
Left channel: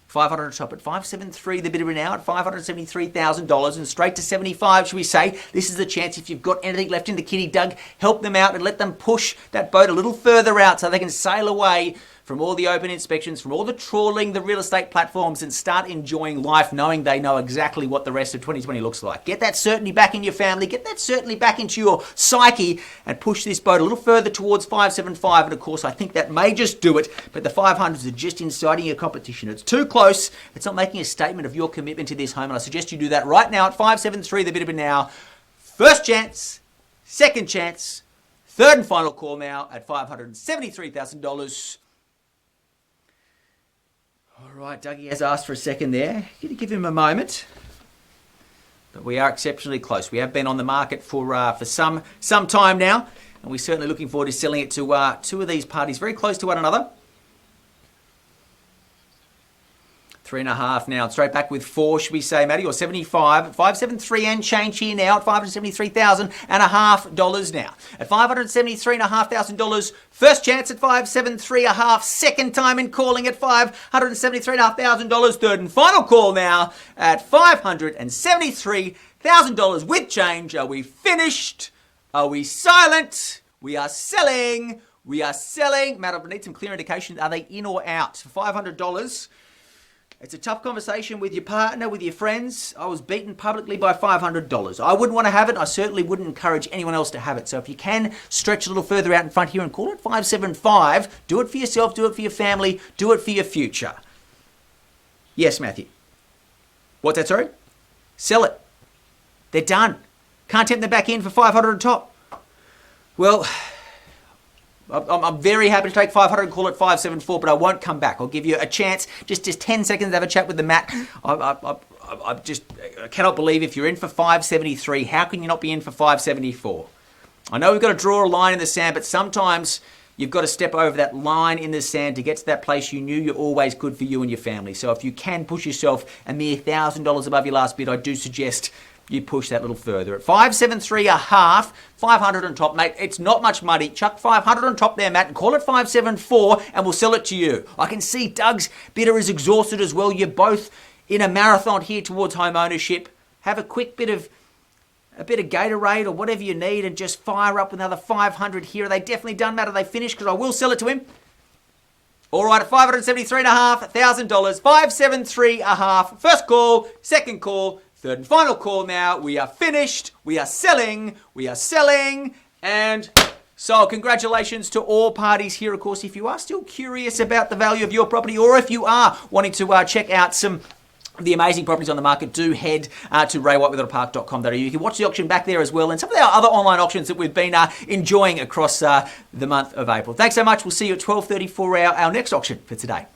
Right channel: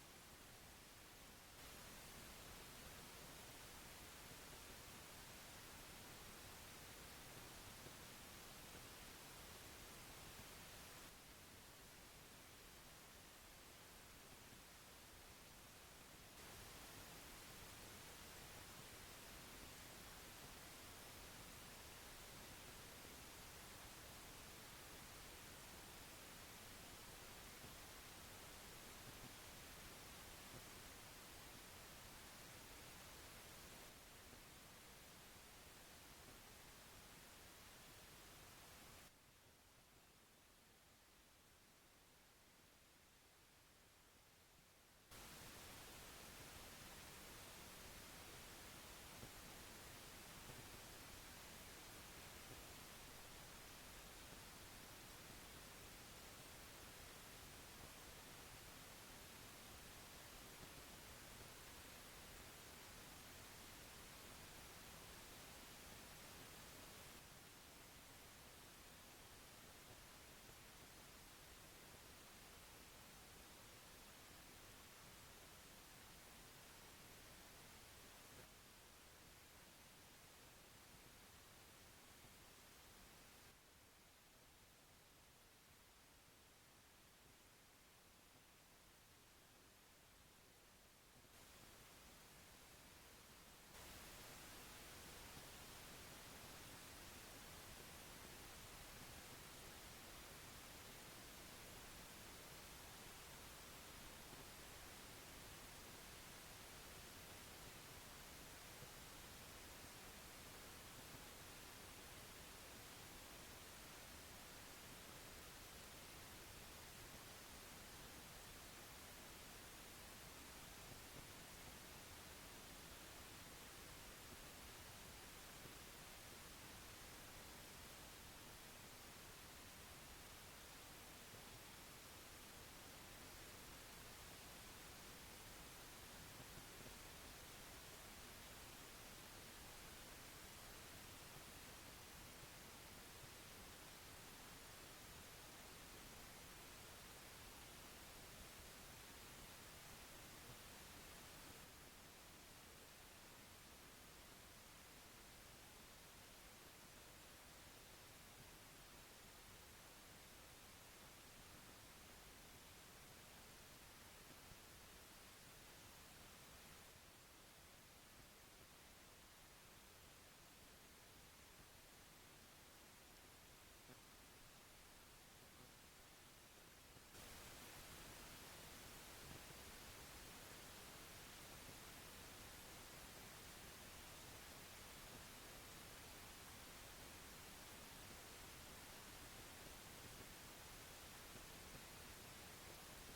500 on top at 573, the bidder now at $573,000, and straight to 75, should we say? This is the chance. If you've got anything left in the kitty, Doug, help them out and let them push that boat a little further out so they can sail away from all the open inspections, from all the trawling, the real estate platforms, and start enjoying life knowing they know exactly what the rest of 2020 looks like. Get that certainty back in your family, get that certainty back into your psyche, and push this boat a little further towards 575. And of course, I think that may just do it, but the 500s are just inciting your competition. It's too close. It's not making a statement of your commitment to this home, and I suggest you do that right now at 573, the bid of it now. First chance, second chance, third and final call now at $573,000. All right, Dougie has asked for a second there. Going to give him a moment. But we are exceptionally close. We have been on the market for some time now, and we're certainly looking forward to selling it to two of these parties very close to one another. 3.5 now. Straight back with 4, should we say, Matty, or 75. 573 and change here now at $573,500 now. At $573,500, first chance at 573.5, second time in calling at $573,500, third and final call now at $573,000 with change. Are we finished? Are we silent? We are selling. We are selling. Matt, I need some clear indication. Are they in or out? For $500. It's a tough conversation with your partner, with your friends. I was beaten publicly by $500. I wouldn't want to have it. I certainly wouldn't encourage anyone else to have it. So if you can stretch a little further out in front here and call it 575, do it for yourself, do it for your family, do it for your future. Yes, Matthew. What's that, sorry? Sell it. They're done. Can't tempt them back in for 500 on top. Well, I'm very happy to take 500 and call it 574, but I won't come back. I'll give you a chance, just 10 seconds to have a chat with the Matt. I cannot believe if you're in for 573, how can you not be in for 574? I know we've got to draw a line in the sand, but sometimes you've got to step over that line in the sand to get to that place you knew you're always good for you and your family. So if you can push yourself a mere $1,000 above your last bid, I do suggest you push that little further. At 573 a half, 500 on top, mate. It's not much money. Chuck 500 on top there, Matt, and call it 574, and we'll sell it to you. I can see Doug's bidder is exhausted as well. You're both in a marathon here towards home ownership. Have a quick bit of Gatorade or whatever you need, and just fire up another 500 here. Are they definitely done, Matt? Are they finished? Because I will sell it to him. All right, at $573.5, $1,000, 573 a half. First call, second call, third and final call now. We are finished. We are selling. We are selling. And so congratulations to all parties here. Of course, if you are still curious about the value of your property, or if you are wanting to check out some of the amazing properties on the market, do head to raywhitewetherill.com.au. You can watch the auction back there as well, and some of our other online auctions that we've been enjoying across the month of April. Thanks so much. We'll see you at 12:30 for our next auction for today.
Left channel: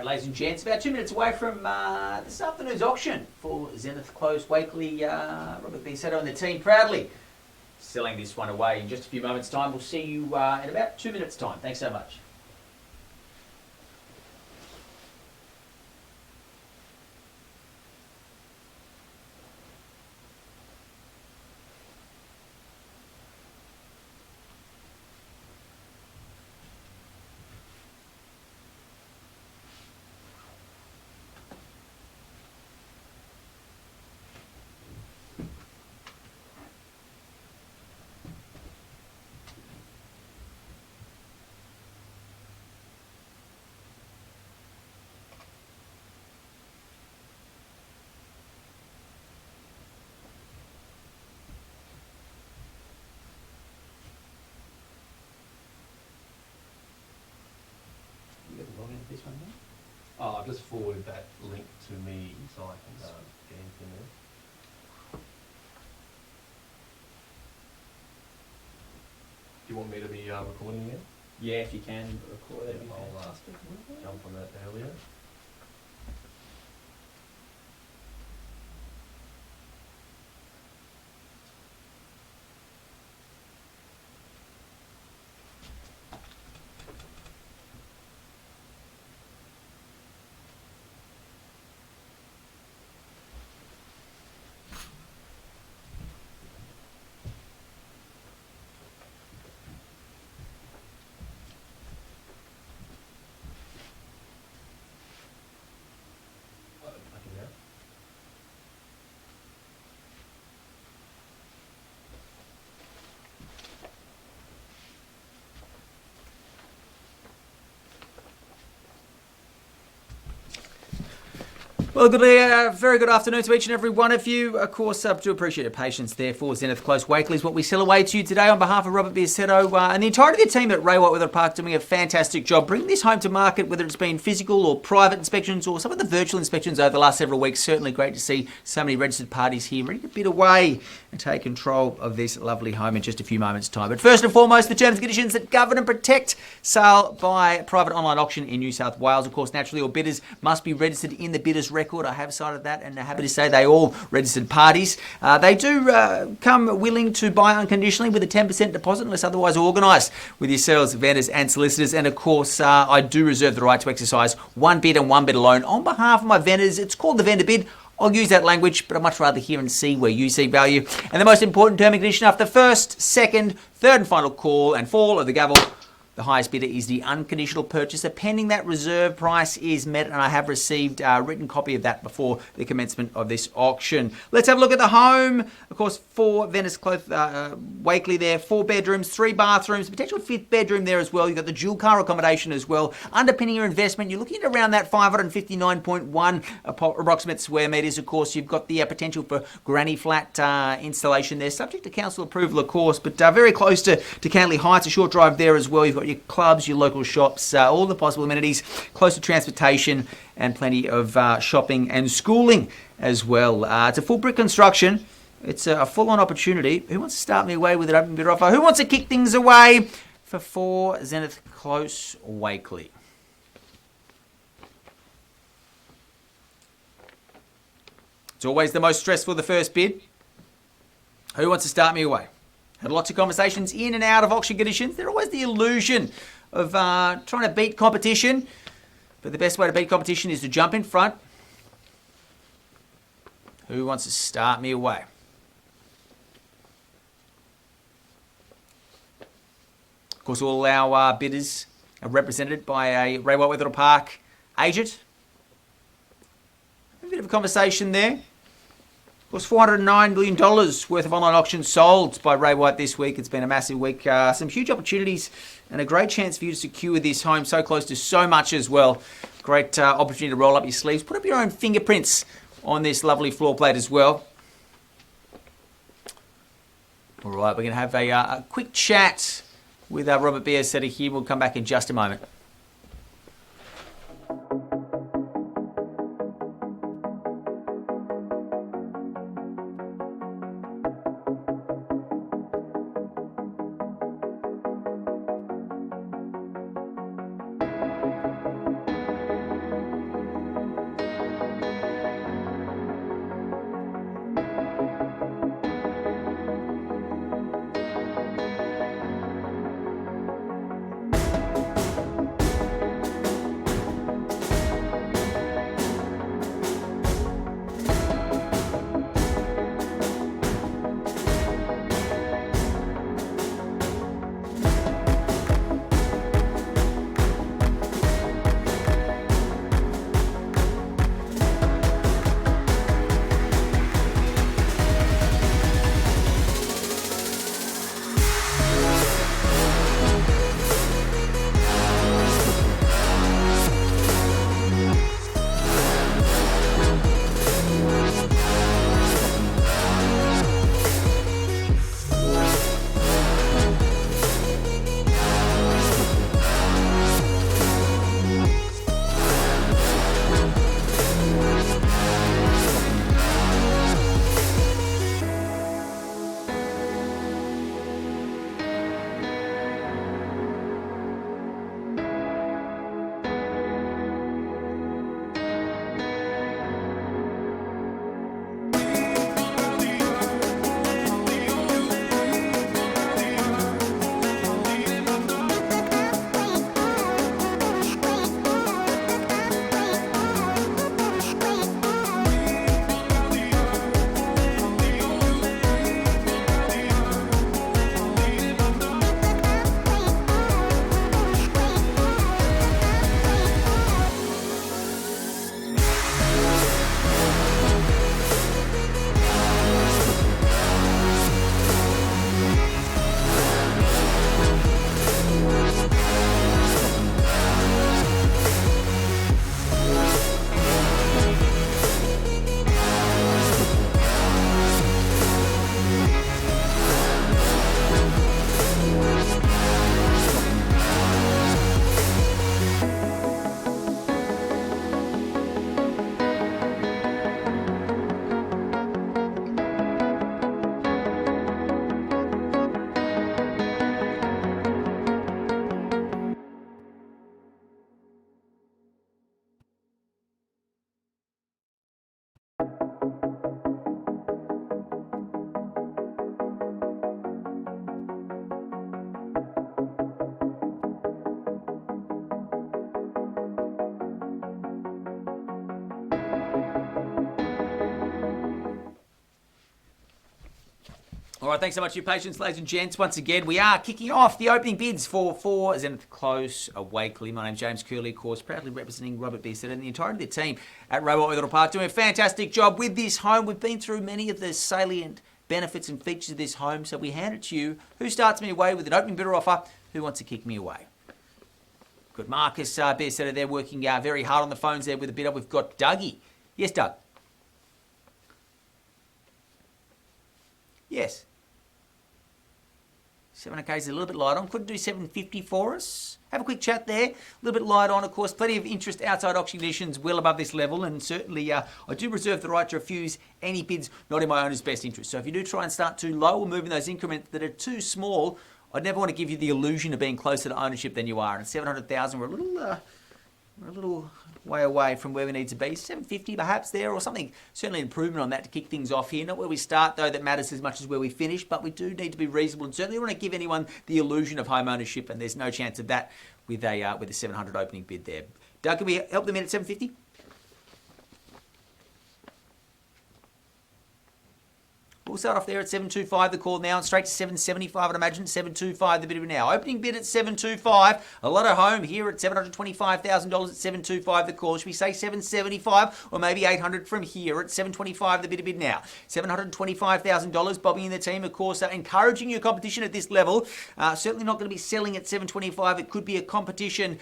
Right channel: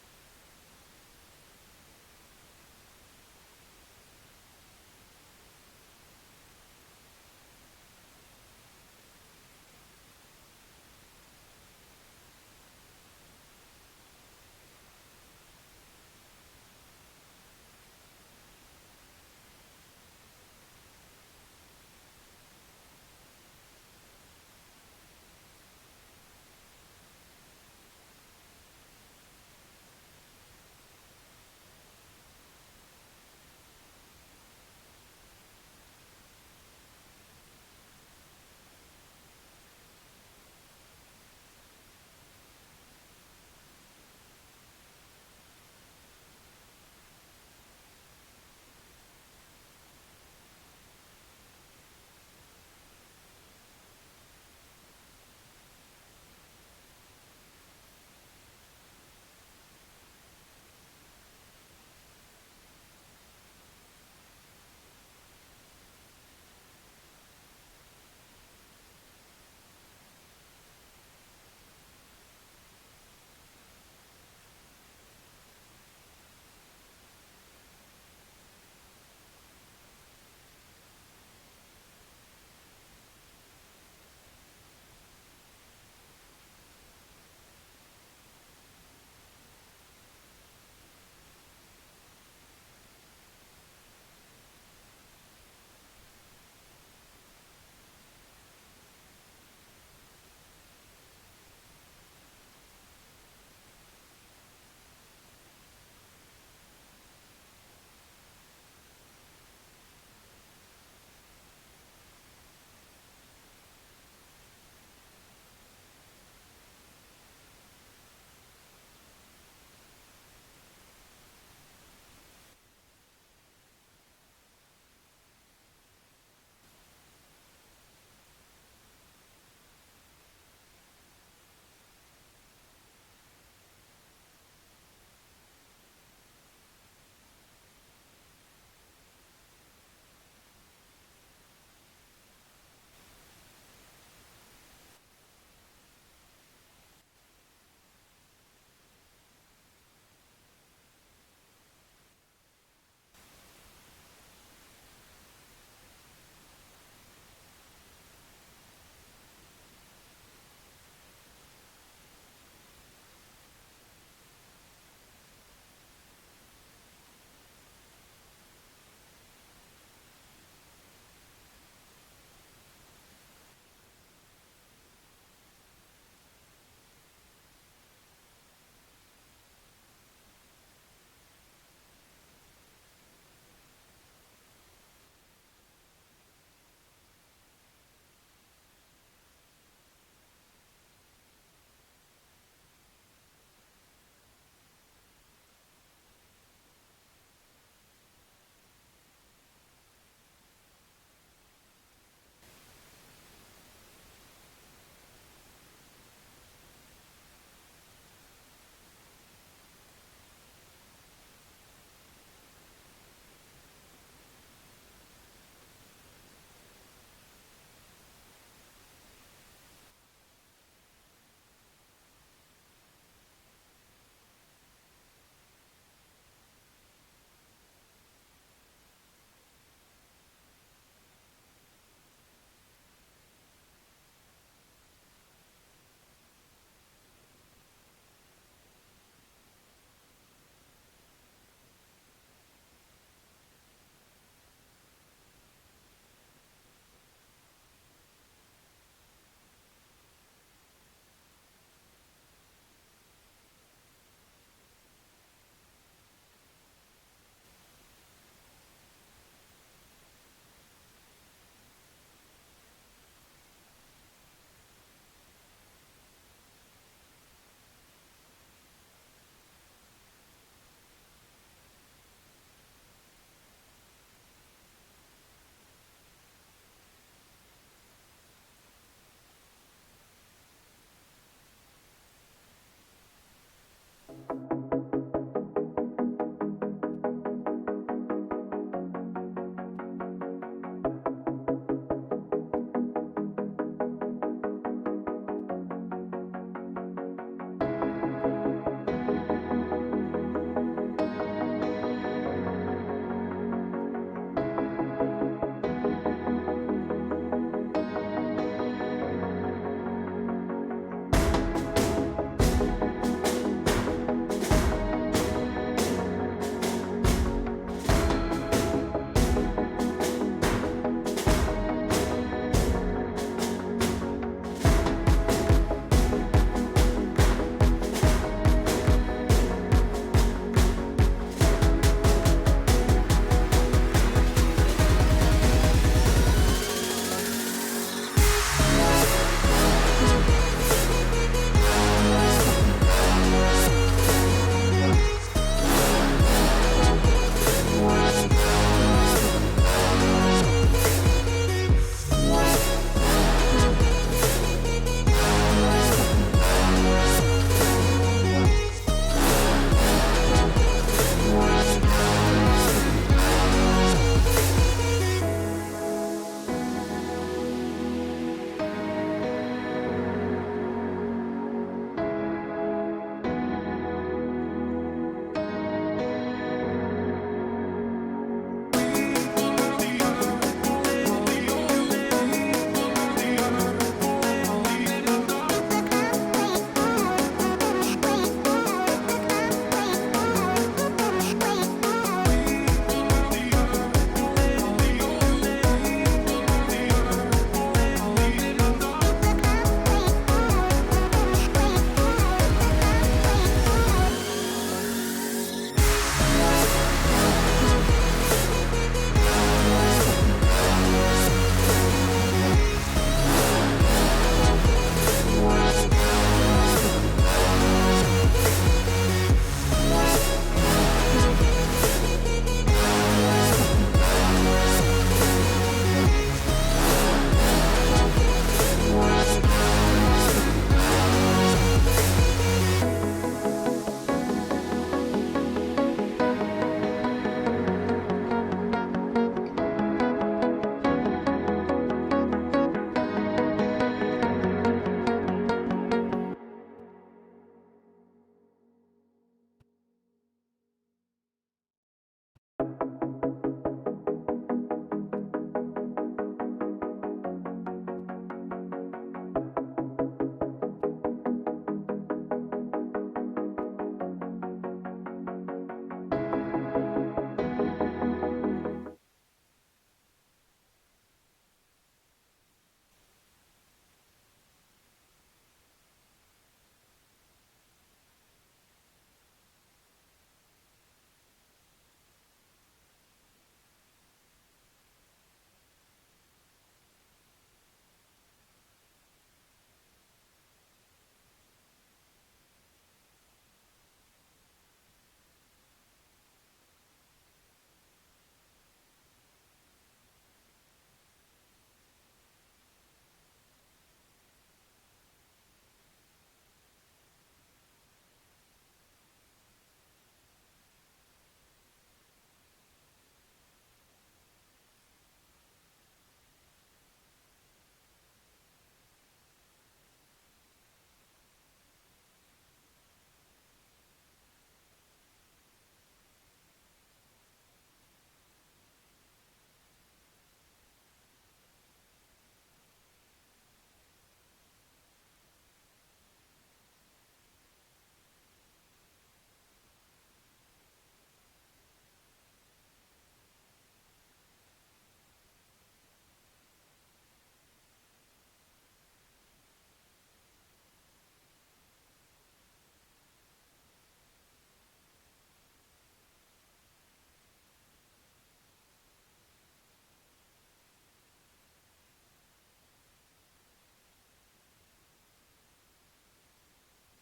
Right, ladies and gents, about 2 minutes away from this afternoon's auction for Zenith Close Wakely. Robert Biasetto and the team proudly selling this one away in just a few moments' time. We'll see you in about 2 minutes' time. Thanks so much. Oh, I've just forwarded that link to me so I can get into there. Do you want me to be recording there? Yeah, if you can record it. I'll jump on that earlier. Well, very good afternoon to each and every one of you. Of course, do appreciate your patience there for Zenith Close Wakely is what we sell away to you today on behalf of Robert Biasetto and the entirety of the team at Ray White Wetherill Park doing a fantastic job bringing this home to market, whether it's been physical or private inspections or some of the virtual inspections over the last several weeks. Certainly great to see so many registered parties here ready to bid away and take control of this lovely home in just a few moments' time. But first and foremost, the terms and conditions that govern and protect sale by private online auction in New South Wales. Of course, naturally, all bidders must be registered in the bidders record. I have cited that and happy to say they all registered parties. They do come willing to buy unconditionally with a 10% deposit unless otherwise organised with yourselves, vendors and solicitors. And of course, I do reserve the right to exercise one bid and one bid alone on behalf of my vendors. It's called the vendor bid. I'll use that language, but I'd much rather hear and see where you see value. And the most important term and condition after the first, second, third and final call and fall of the gavel, the highest bidder is the unconditional purchaser, pending that reserve price is met, and I have received a written copy of that before the commencement of this auction. Let's have a look at the home. Of course, 4 Venice Close Wakely there, 4 bedrooms, 3 bathrooms, potential 5th bedroom there as well. You've got the dual car accommodation as well. Underpinning your investment, you're looking at around that 559.1 approximate square metres. Of course, you've got the potential for granny flat installation there, subject to council approval, of course, but very close to Cantley Heights, a short drive there as well. You've got your clubs, your local shops, all the possible amenities, close to transportation and plenty of shopping and schooling as well. It's a full brick construction. It's a full-on opportunity. Who wants to start me away with an open bid offer? Who wants to kick things away for 4 Zenith Close Wakely? It's always the most stressful, the first bid. Who wants to start me away? Had lots of conversations in and out of auction conditions. There's always the illusion of trying to beat competition. But the best way to beat competition is to jump in front. Who wants to start me away? Of course, all our bidders are represented by a Ray White Wetherill Park agent. A bit of a conversation there. Of course, $409 million worth of online auctions sold by Ray White this week. It's been a massive week. Some huge opportunities and a great chance for you to secure this home so close to so much as well. Great opportunity to roll up your sleeves. Put up your own fingerprints on this lovely floor plate as well. All right, we're going to have a quick chat with Robert Biasetto here. We'll come back in just a moment. All right, thanks so much for your patience, ladies and gents. Once again, we are kicking off the opening bids for Zenith Close Wakely. My name's James Curley, of course, proudly representing Robert Beesett and the entirety of the team at Wetherill Park, doing a fantastic job with this home. We've been through many of the salient benefits and features of this home, so we hand it to you. Who starts me away with an opening bidder offer? Who wants to kick me away? Good, Marcus Beesett there working very hard on the phones there with a bidder. We've got Dougie. Yes, Doug? Yes. 700k is a little bit light on. Couldn't do 750 for us. Have a quick chat there. A little bit light on, of course. Plenty of interest outside auction conditions well above this level. And certainly I do reserve the right to refuse any bids not in my owner's best interest. So if you do try and start too low or move in those increments that are too small, I'd never want to give you the illusion of being closer to ownership than you are. And at 700,000, we're a little way away from where we need to be. 750 perhaps there or something. Certainly an improvement on that to kick things off here. Not where we start though that matters as much as where we finish, but we do need to be reasonable and certainly want to give anyone the illusion of home ownership, and there's no chance of that with a 700 opening bid there. Doug, can we help them in at 750? We'll start off there at 725, the call now, and straight to 775, I'd imagine. 725, the bid now. Opening bid at 725. A lot of home here at $725,000 at 725, the call. Should we say 775 or maybe 800 from here at 725, the bid now? $725,000. Bobby and the team, of course, are encouraging your competition at this level. Certainly not going to be selling at 725. It could be a competition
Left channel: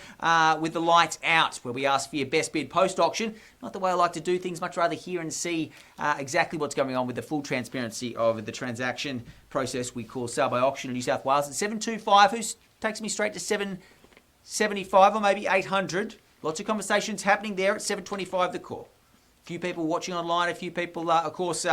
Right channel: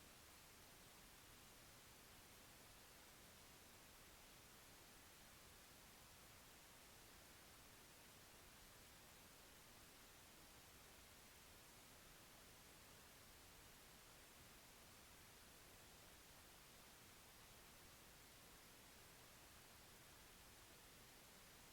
with the lights out, where we ask for your best bid post-auction. Not the way I like to do things, much rather hear and see exactly what's going on with the full transparency of the transaction process we call sale by auction in New South Wales. At 725, who takes me straight to 775 or maybe 800. Lots of conversations happening there at 725, the call. A few people watching online, a few people, of course,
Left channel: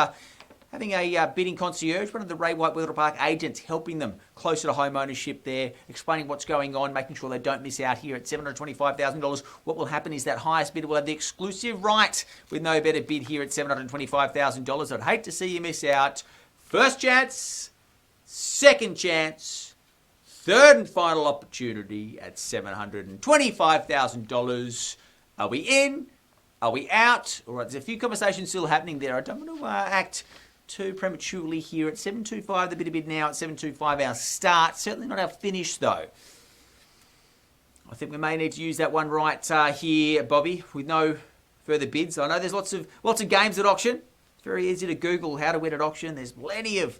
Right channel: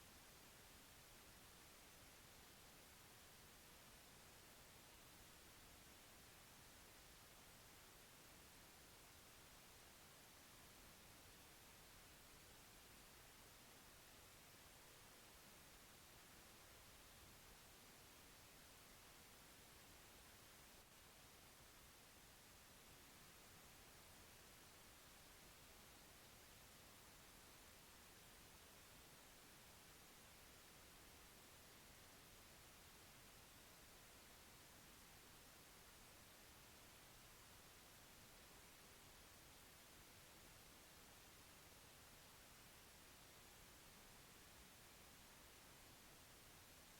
having a bidding concierge, one of the Ray White Wetherill Park agents, helping them closer to home ownership there, explaining what's going on, making sure they don't miss out here at $725,000. What will happen is that highest bidder will have the exclusive right with no better bid here at $725,000. I'd hate to see you miss out. First chance, second chance, third and final opportunity at $725,000. Are we in? Are we out? All right, there's a few conversations still happening there. I don't want to act too prematurely here at 725, the bid now at 725, our start. Certainly not our finish, though. I think we may need to use that one right here, Bobby, with no further bids. I know there's lots of games at auction. It's very easy to Google how to win at auction. There's plenty of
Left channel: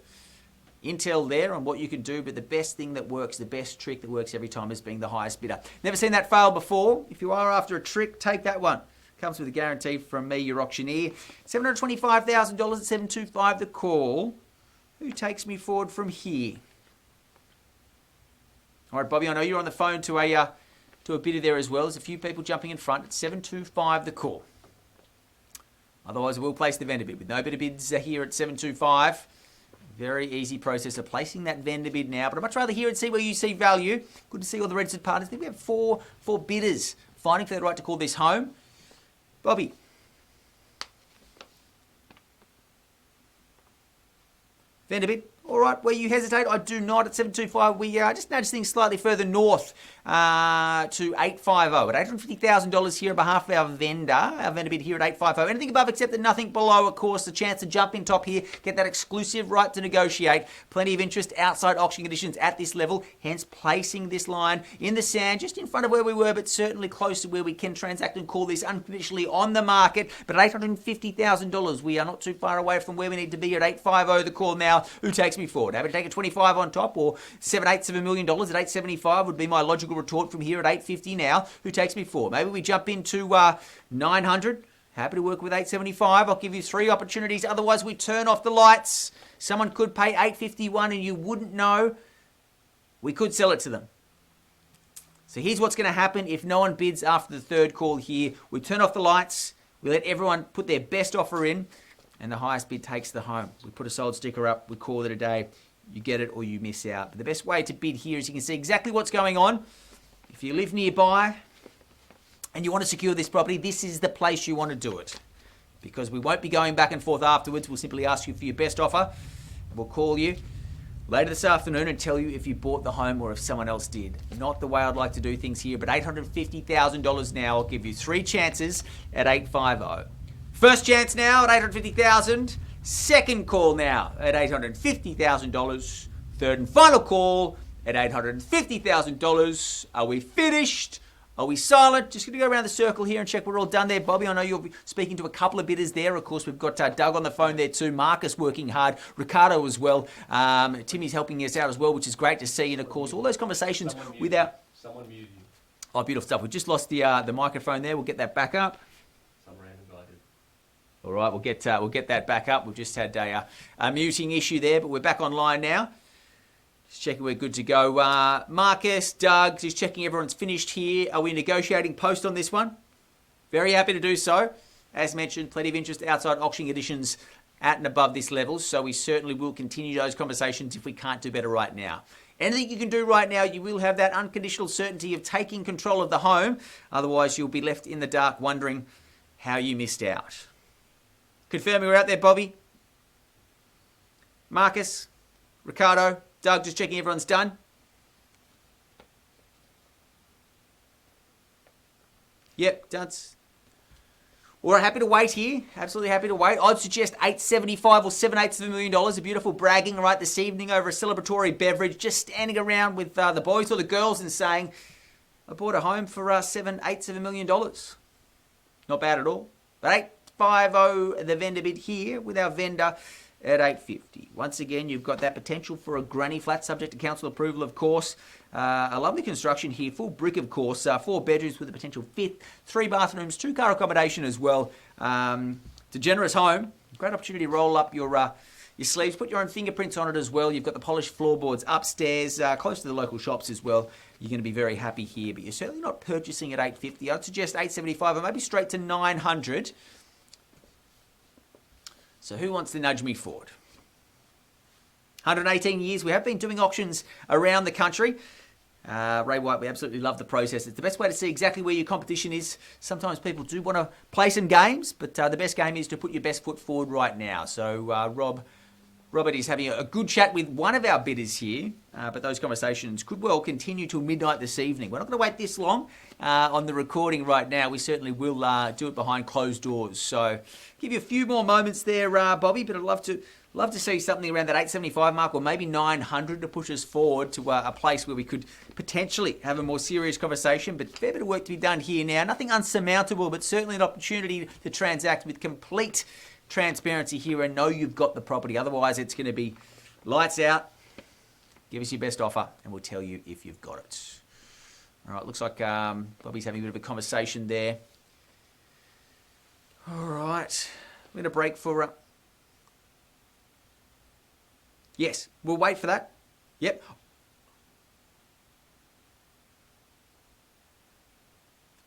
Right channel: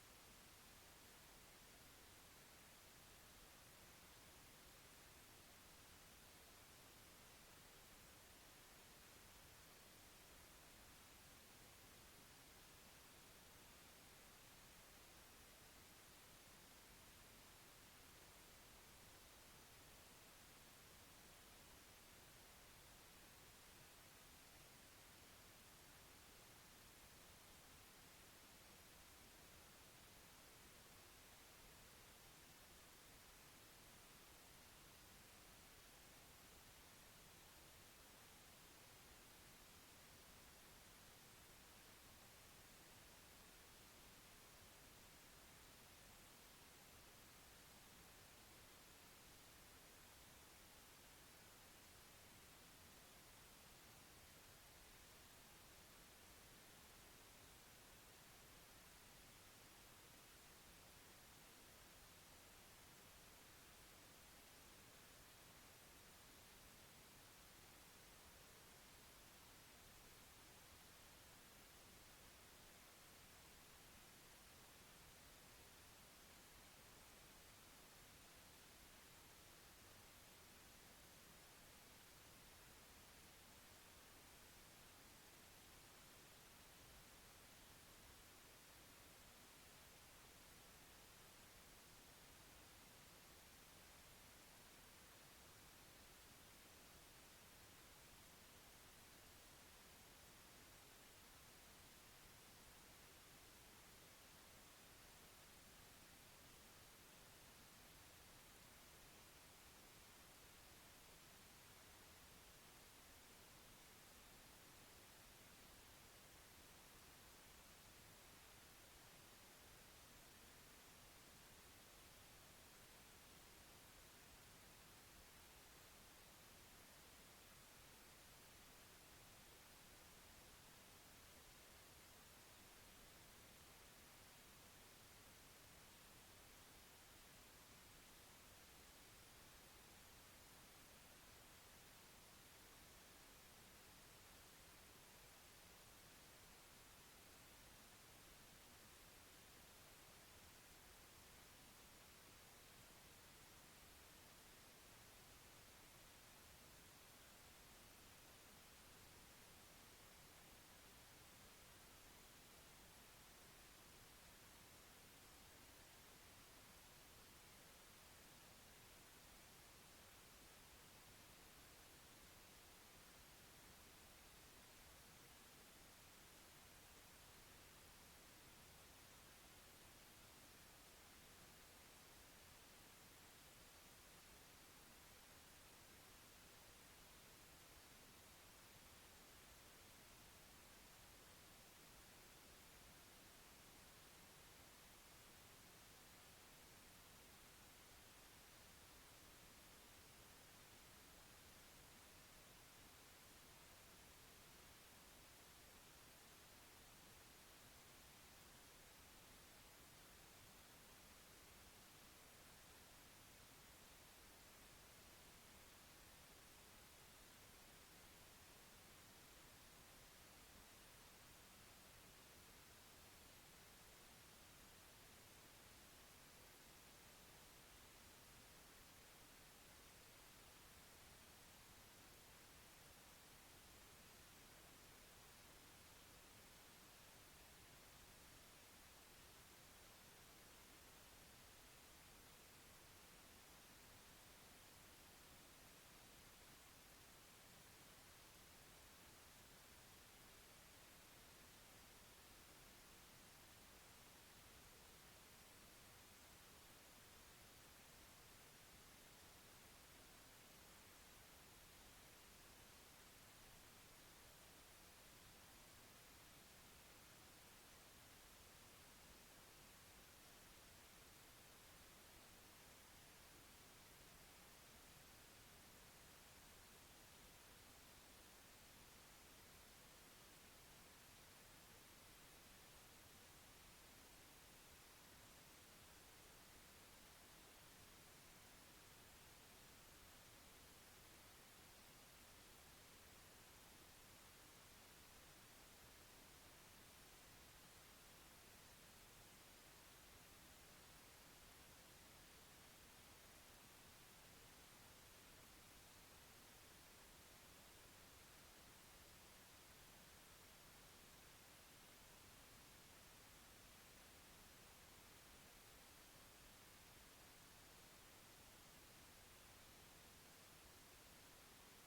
intel there on what you can do, but the best thing that works, the best trick that works every time is being the highest bidder. Never seen that fail before. If you are after a trick, take that one. Comes with a guarantee from me, your auctioneer. $725,000 at 725, the call. Who takes me forward from here? All right, Bobby, I know you're on the phone to a bidder there as well. There's a few people jumping in front at 725, the call. Otherwise, we'll place the vendor bid. With no better bids here at 725. Very easy process of placing that vendor bid now. But I'd much rather hear and see where you see value. Good to see all the registered partners. I think we have four bidders fighting for the right to call this home. Bobby. Vendor bid. All right, where you hesitate, I do not. At 725, we just nudge things slightly further north to 850. At $850,000 here on behalf of our vendor bid here at 850. Anything above accepted, nothing below, of course. The chance to jump in top here, get that exclusive right to negotiate. Plenty of interest outside auction conditions at this level, hence placing this line in the sand, just in front of where we were, but certainly close to where we can transact and call this unconditionally on the market. But at $850,000, we are not too far away from where we need to be at 850, the call now. Who takes me forward? Happy to take a 25 on top, or 7/8 of $1 million at 875 would be my logical retort from here at 850 now. Who takes me forward? Maybe we jump into 900. Happy to work with 875. I'll give you 3 opportunities. Otherwise, we turn off the lights. Someone could pay 851 and you wouldn't know. We could sell it to them. So here's what's going to happen if no one bids after the third call here. We turn off the lights. We let everyone put their best offer in. And the highest bid takes the home. We put a sold sticker up. We call it a day. You get it or you miss out. But the best way to bid here is you can see exactly what's going on. If you live nearby and you want to secure this property, this is the place you want to do it. Because we won't be going back and forth afterwards. We'll simply ask you for your best offer. We'll call you later this afternoon and tell you if you bought the home or if someone else did. Not the way I'd like to do things here, but $850,000 now. I'll give you 3 chances at 850. First chance now at $850,000. Second call now at $850,000. Third and final call at $850,000. Are we finished? Are we silent? Just going to go around the circle here and check we're all done there. Bobby, I know you're speaking to a couple of bidders there. Of course, we've got Doug on the phone there too. Marcus working hard. Ricardo as well. Timmy's helping us out as well, which is great to see. And, of course, all those conversations with our... Someone muted you. Oh, beautiful stuff. We just lost the microphone there. We'll get that back up. Some random guy did. All right, we'll get that back up. We've just had a muting issue there, but we're back online now. Just checking we're good to go. Marcus, Doug, just checking everyone's finished here. Are we negotiating post on this one? Very happy to do so. As mentioned, plenty of interest outside auction conditions at and above this level, so we certainly will continue those conversations if we can't do better right now. Anything you can do right now, you will have that unconditional certainty of taking control of the home. Otherwise, you'll be left in the dark wondering how you missed out. Confirming we're out there, Bobby. Marcus, Ricardo, Doug, just checking everyone's done. Yep, done. We're happy to wait here. Absolutely happy to wait. I'd suggest $875 or 7/8 of $1 million. A beautiful bragging right this evening over a celebratory beverage. Just standing around with the boys or the girls and saying, I bought a home for 7/8 of $1 million. Not bad at all. But 850 the vendor bid here with our vendor at $850. Once again, you've got that potential for a granny flat, subject to council approval, of course. A lovely construction here, full brick, of course. 4 bedrooms with a potential 5th, 3 bathrooms, 2-car accommodation as well. It's a generous home. Great opportunity to roll up your sleeves, put your own fingerprints on it as well. You've got the polished floorboards upstairs, close to the local shops as well. You're going to be very happy here, but you're certainly not purchasing at $850. I'd suggest $875 or maybe straight to $900. So who wants to nudge me forward? 118 years. We have been doing auctions around the country. Ray White, we absolutely love the process. It's the best way to see exactly where your competition is. Sometimes people do want to play some games, but the best game is to put your best foot forward right now. So Robert is having a good chat with one of our bidders here, but those conversations could well continue till midnight this evening. We're not going to wait this long on the recording right now. We certainly will do it behind closed doors. So give you a few more moments there, Bobby, but I'd love to see something around that 875 mark or maybe 900 to push us forward to a place where we could potentially have a more serious conversation. But a fair bit of work to be done here now. Nothing unsurmountable, but certainly an opportunity to transact with complete transparency here and know you've got the property. Otherwise, it's going to be lights out. Give us your best offer and we'll tell you if you've got it. All right, looks like Bobby's having a bit of a conversation there. All right, we're going to break for... Yes, we'll wait for that. Yep.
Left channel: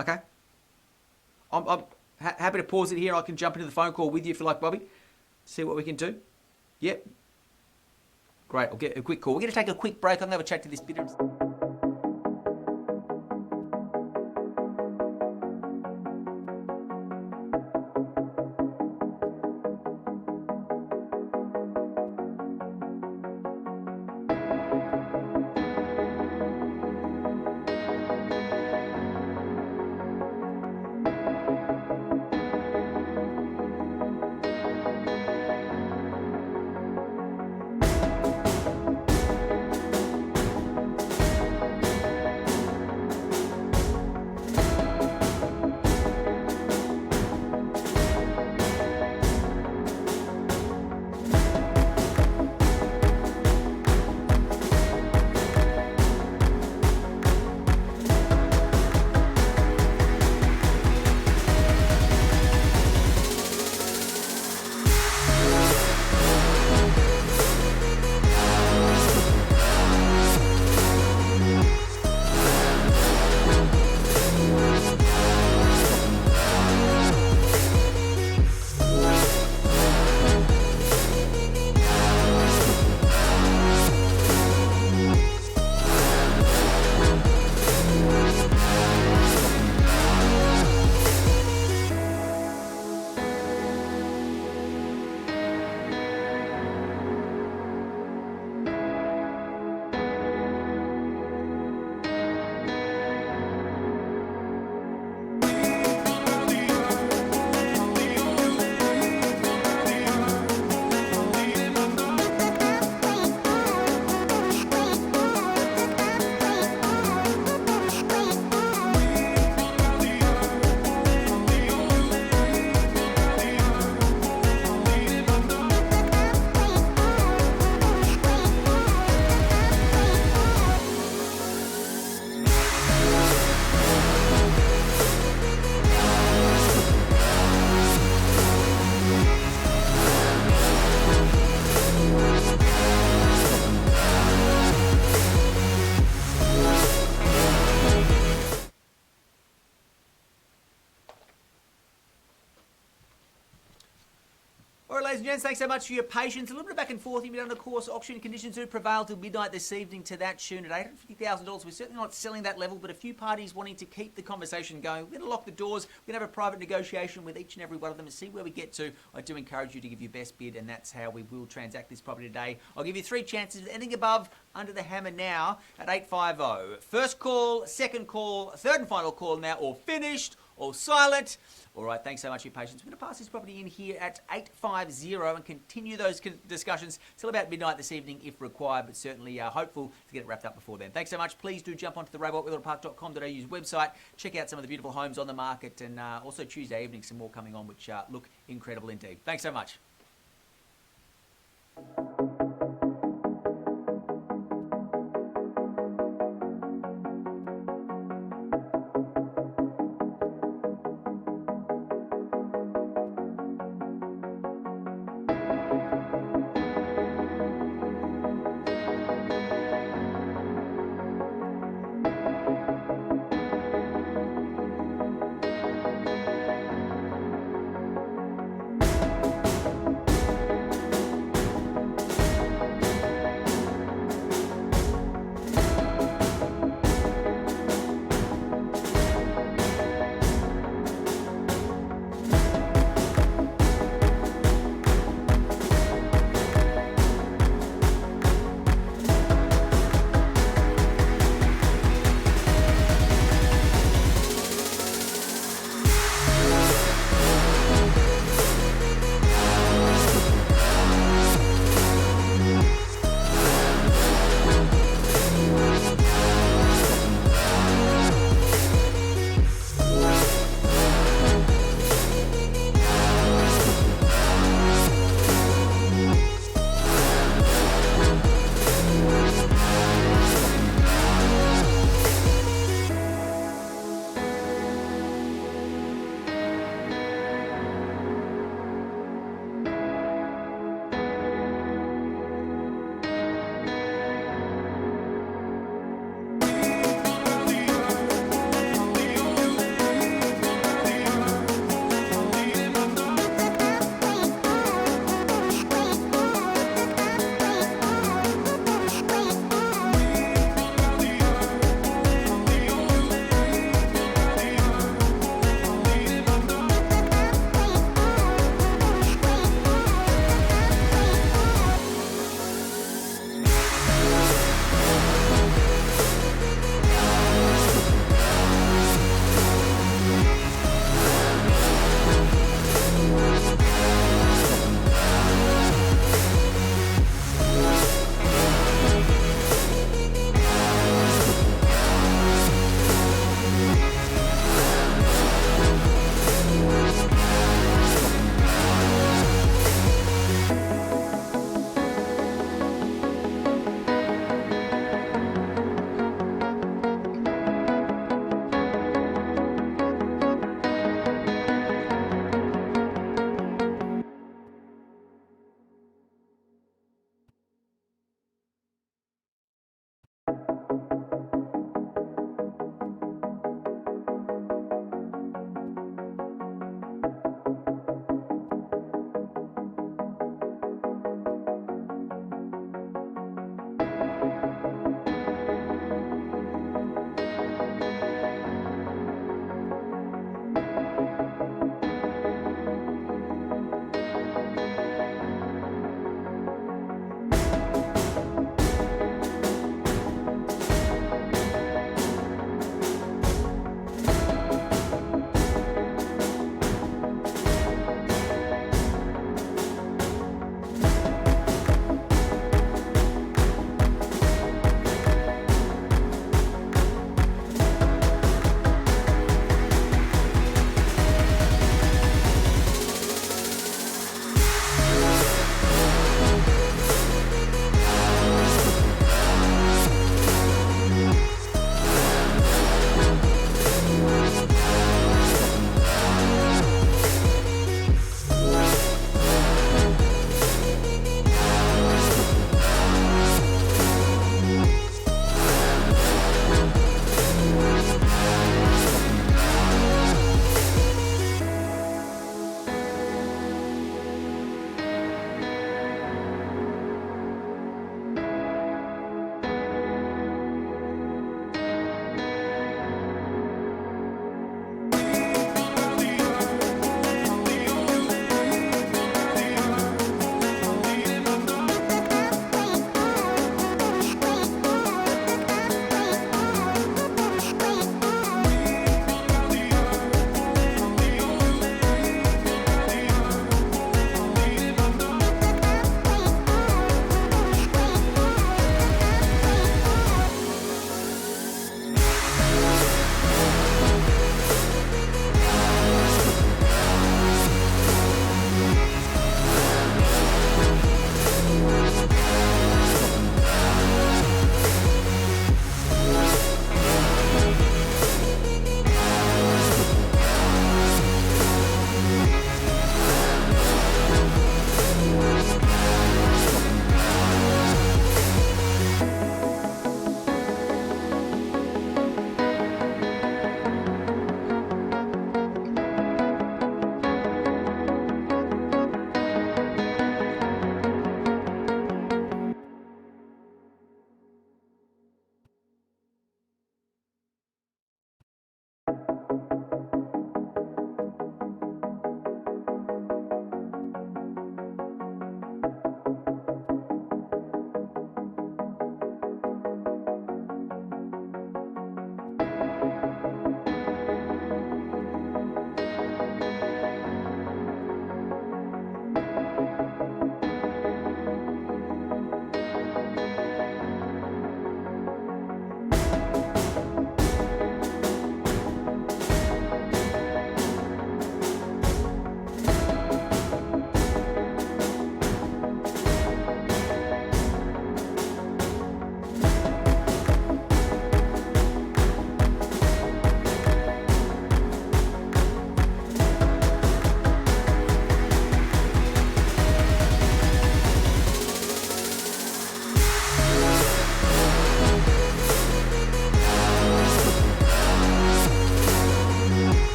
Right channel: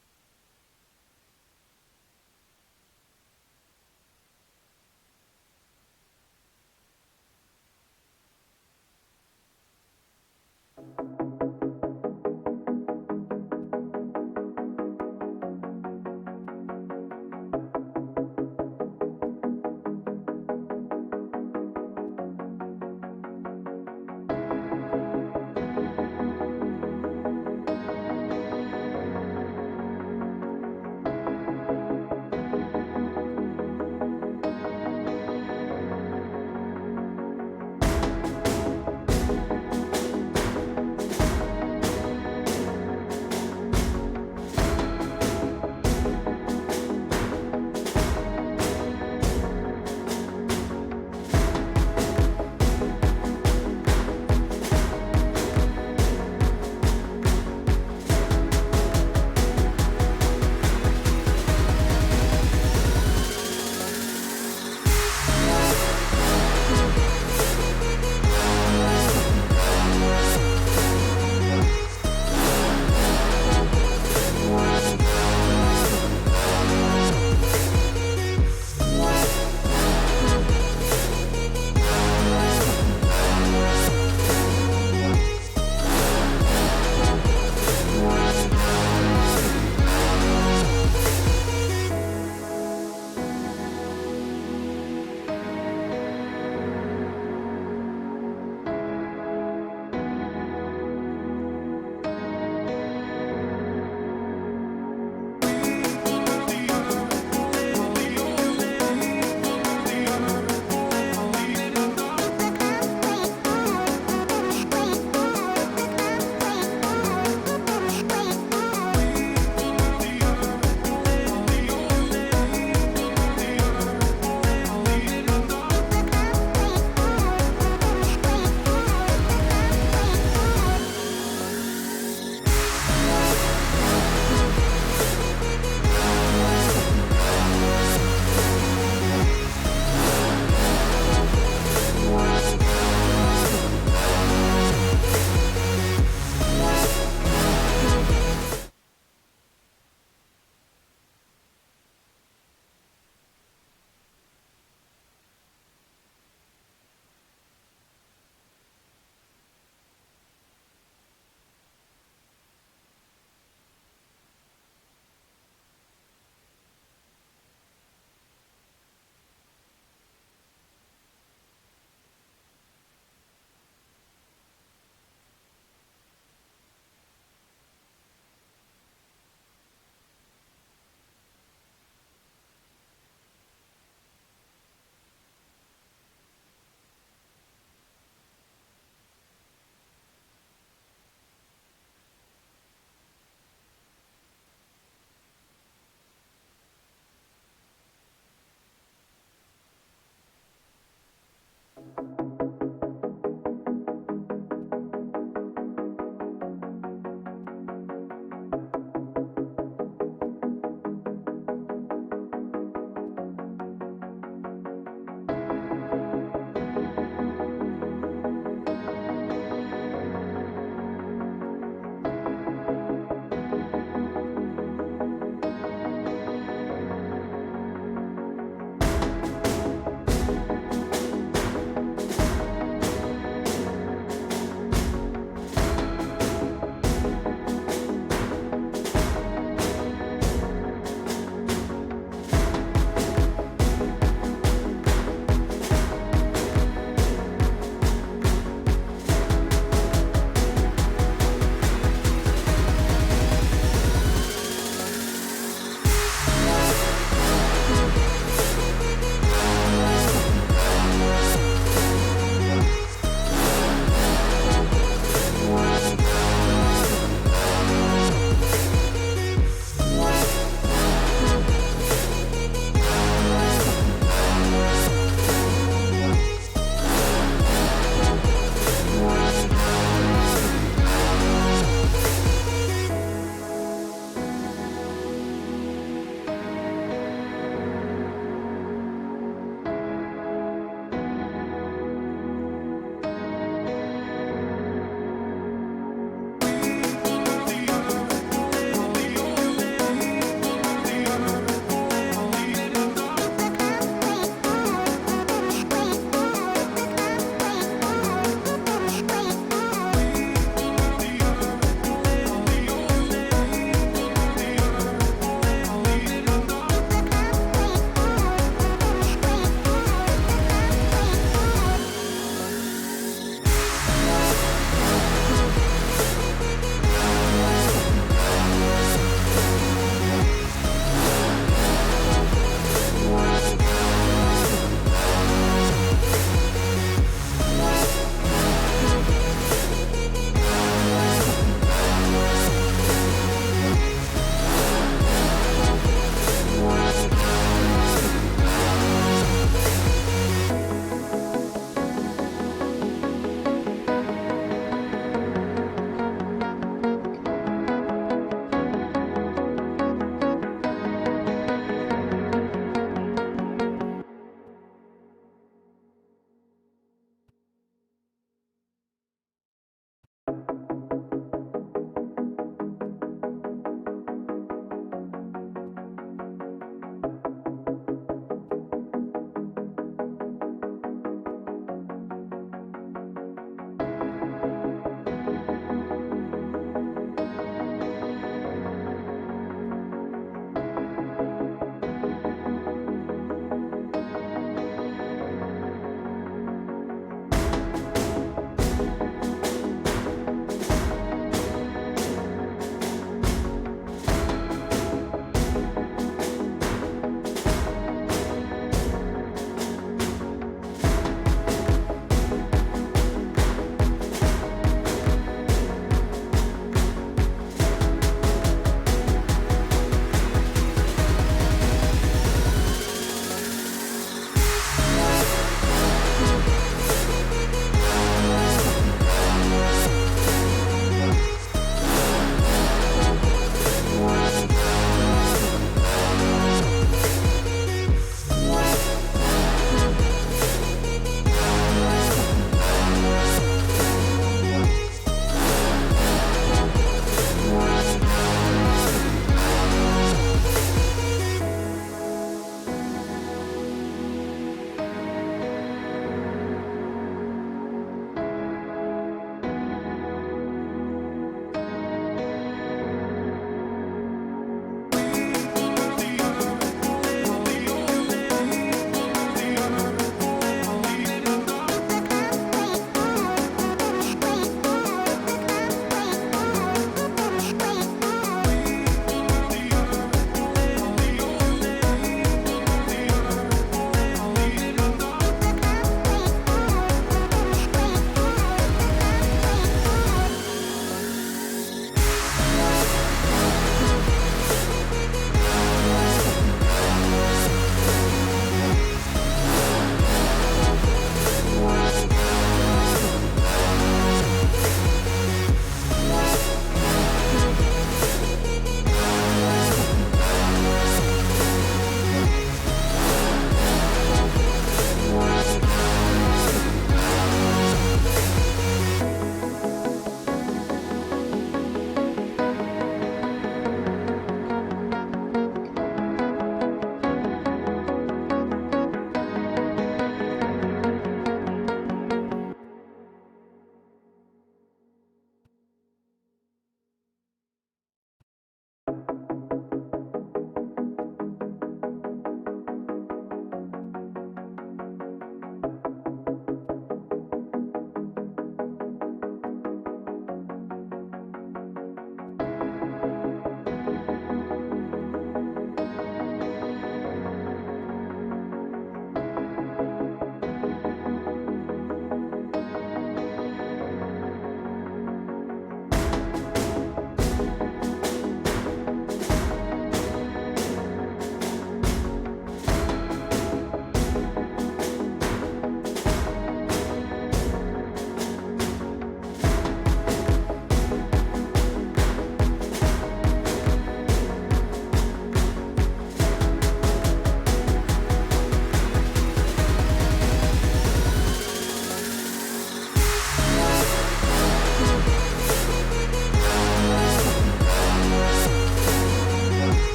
Okay. I'm happy to pause it here. I can jump into the phone call with you if you like, Bobby. See what we can do. Yep. Great. I'll get a quick call. We're going to take a quick break. I'm going to have a chat to this bidder. gents, thanks so much for your patience. A little bit of back and forth. But of course, auction conditions do prevail till midnight this evening to that tune at $850,000. We're certainly not selling that level, but a few parties wanting to keep the conversation going. We're going to lock the doors. We're going to have a private negotiation with each and every one of them and see where we get to. I do encourage you to give your best bid, and that's how we will transact this property today. I'll give you 3 chances. Anything above, under the hammer now at 850. First call, second call, third and final call now, all finished, all silent. All right, thanks so much for your patience. We're going to pass this property in here at 850 and continue those discussions till about midnight this evening if required, but certainly hopeful to get it wrapped up before then. Thanks so much. Please do jump onto the robotwetherill.com.au's website, check out some of the beautiful homes on the market, and also Tuesday evening some more coming on which look incredible indeed. Thanks so much.